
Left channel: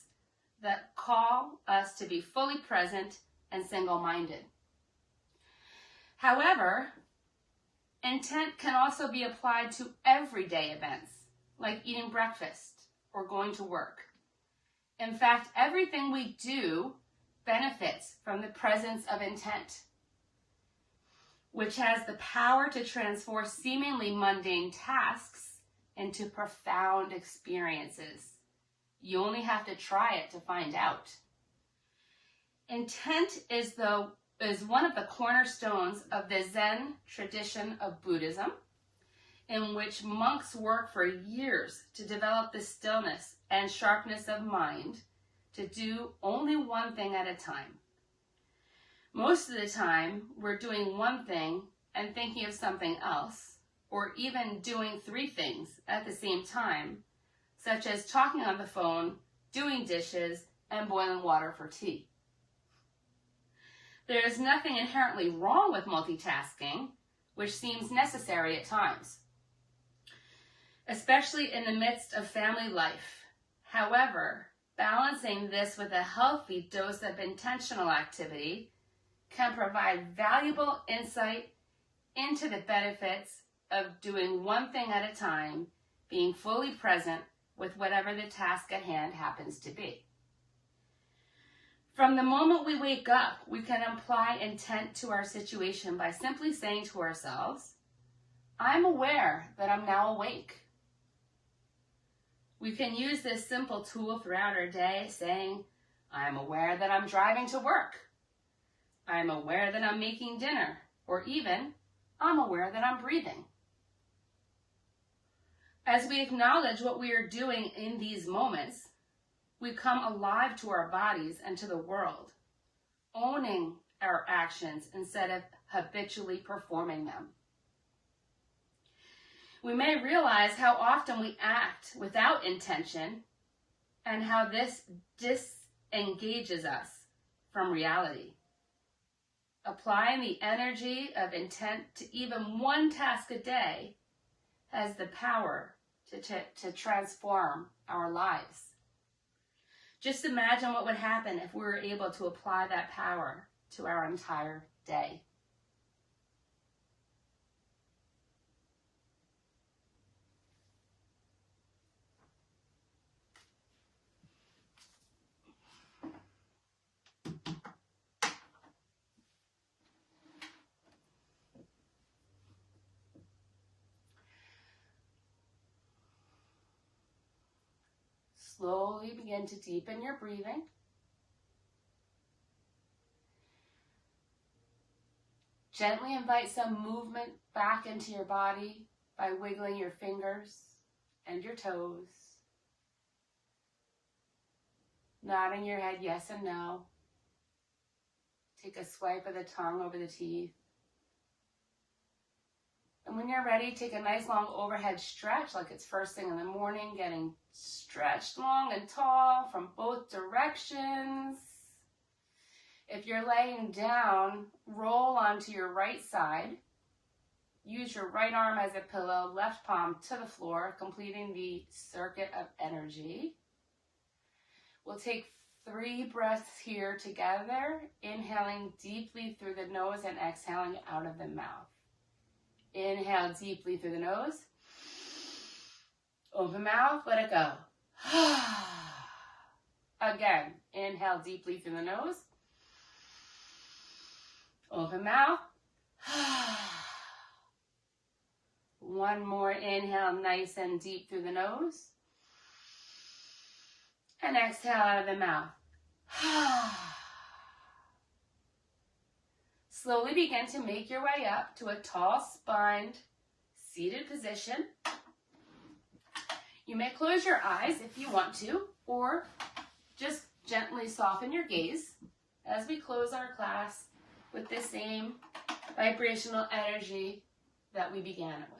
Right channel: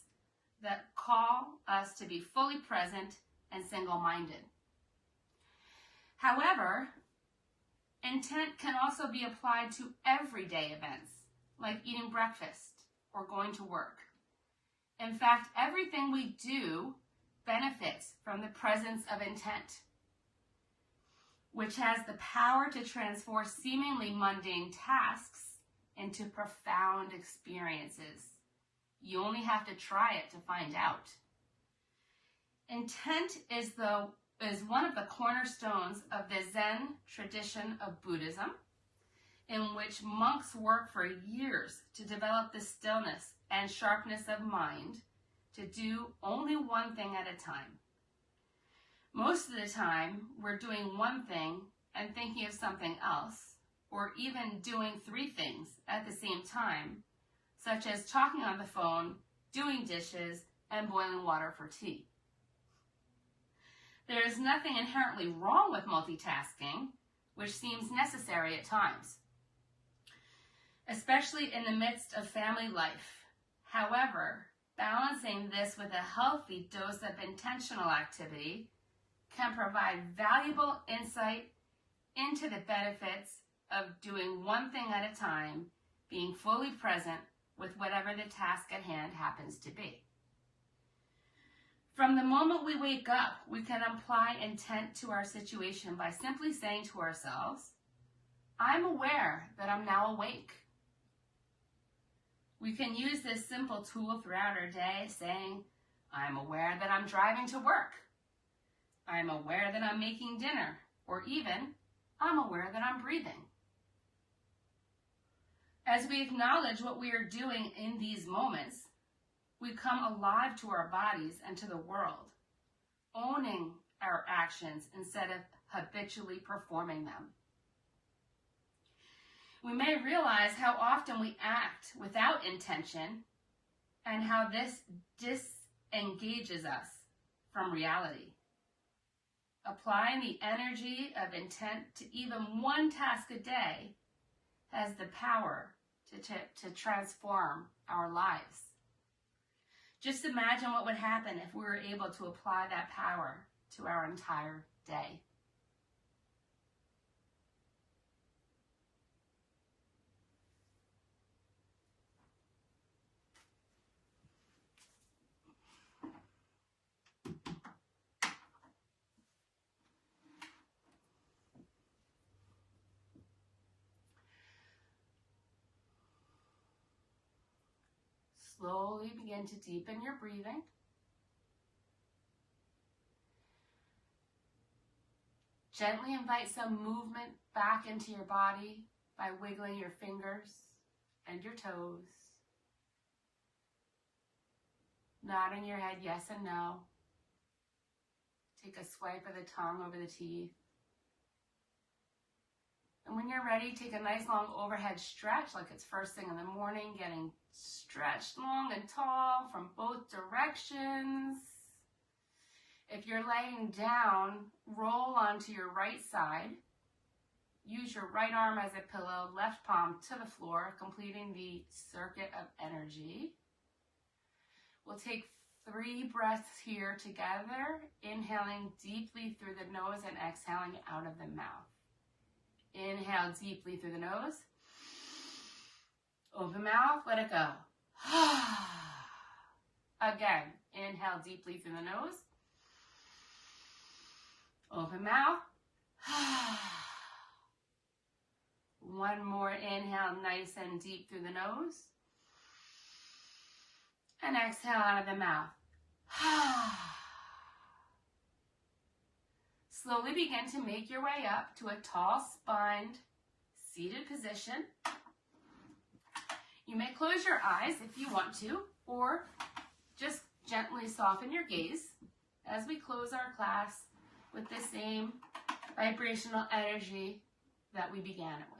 that call us to be fully present and single-minded. However, intent can also be applied to everyday events, like eating breakfast or going to work. In fact, everything we do benefits from the presence of intent, which has the power to transform seemingly mundane tasks into profound experiences. You only have to try it to find out. Intent is one of the cornerstones of the Zen tradition of Buddhism, in which monks work for years to develop the stillness and sharpness of mind to do only one thing at a time. Most of the time, we're doing one thing and thinking of something else, or even doing 3 things at the same time, such as talking on the phone, doing dishes, and boiling water for tea. There is nothing inherently wrong with multitasking, which seems necessary at times, especially in the midst of family life. However, balancing this with a healthy dose of intentional activity can provide valuable insight into the benefits of doing one thing at a time, being fully present with whatever the task at hand happens to be. From the moment we wake up, we can apply intent to our situation by simply saying to ourselves, I'm aware that I'm now awake. We can use this simple tool throughout our day, saying, I'm aware that I'm driving to work. I'm aware that I'm making dinner. Or even, I'm aware that I'm breathing. As we acknowledge what we are doing in these moments, we come alive to our bodies and to the world, owning our actions instead of habitually performing them. We may realize how often we act without intention and how this disengages us from reality. Applying the energy of intent to even one task a day has the power to transform our lives. Just imagine what would happen if we were able to apply that power to our entire day. Slowly begin to deepen your breathing. Gently invite some movement back into your body by wiggling your fingers and your toes. Nodding your head yes and no. Take a swipe of the tongue over the teeth. And when you're ready, take a nice long overhead stretch like it's first thing in the morning, getting stretched long and tall from both directions. If you're laying down, roll onto your right side. Use your right arm as a pillow, left palm to the floor, completing the circuit of energy. We'll take 3 breaths here together, inhaling deeply through the nose and exhaling out of the mouth. Inhale deeply through the nose. Open mouth, let it go. Again, inhale deeply through the nose. Open mouth. One more inhale, nice and deep through the nose. And exhale out of the mouth. Slowly begin to make your way up to a tall spined seated position. You may close your eyes if you want to, or just gently soften your gaze as we close our class with the same vibrational energy that we began it with.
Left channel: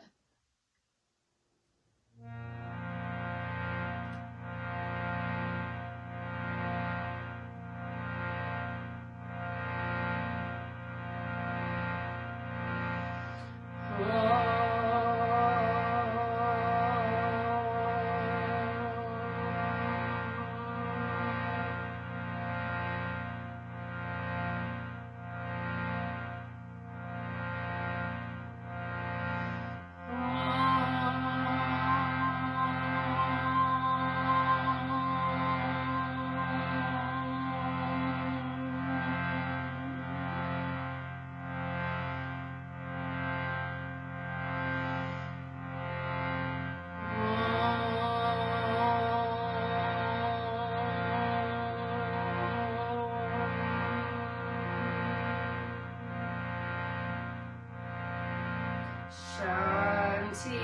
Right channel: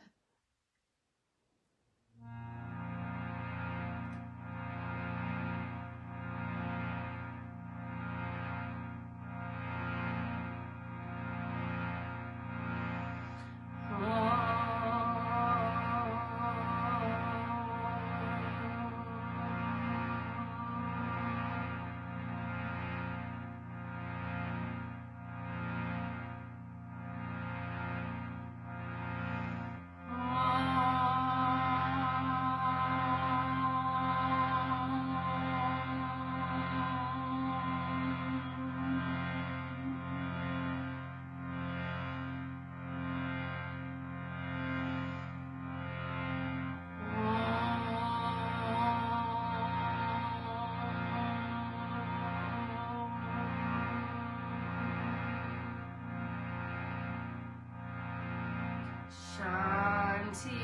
Shanti.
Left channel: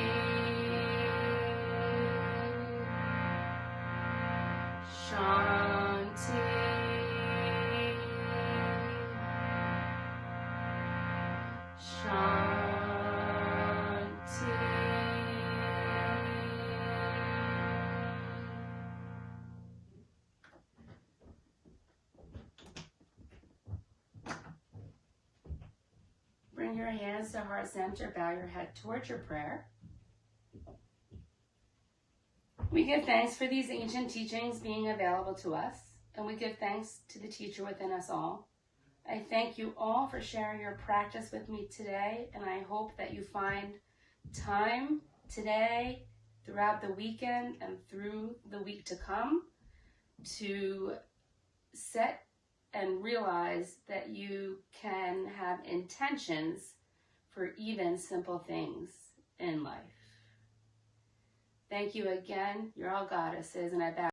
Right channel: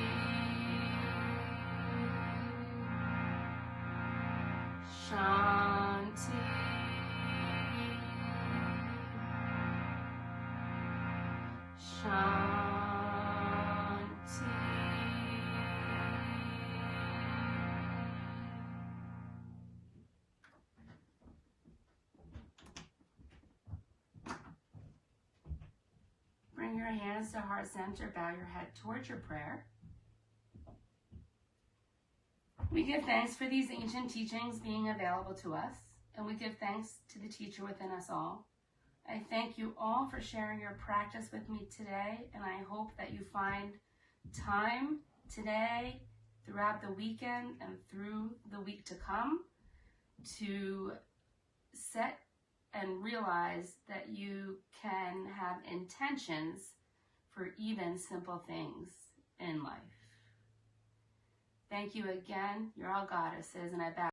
Shanti. Shanti. Bring your hands to heart center, bow your head towards your prayer. We give thanks for these ancient teachings being available to us, and we give thanks to the teacher within us all. I thank you all for sharing your practice with me today, and I hope that you find time today, throughout the weekend, and through the week to come to set and realize that you can have intentions for even simple things in life. Thank you again. You're all goddesses, and I bow.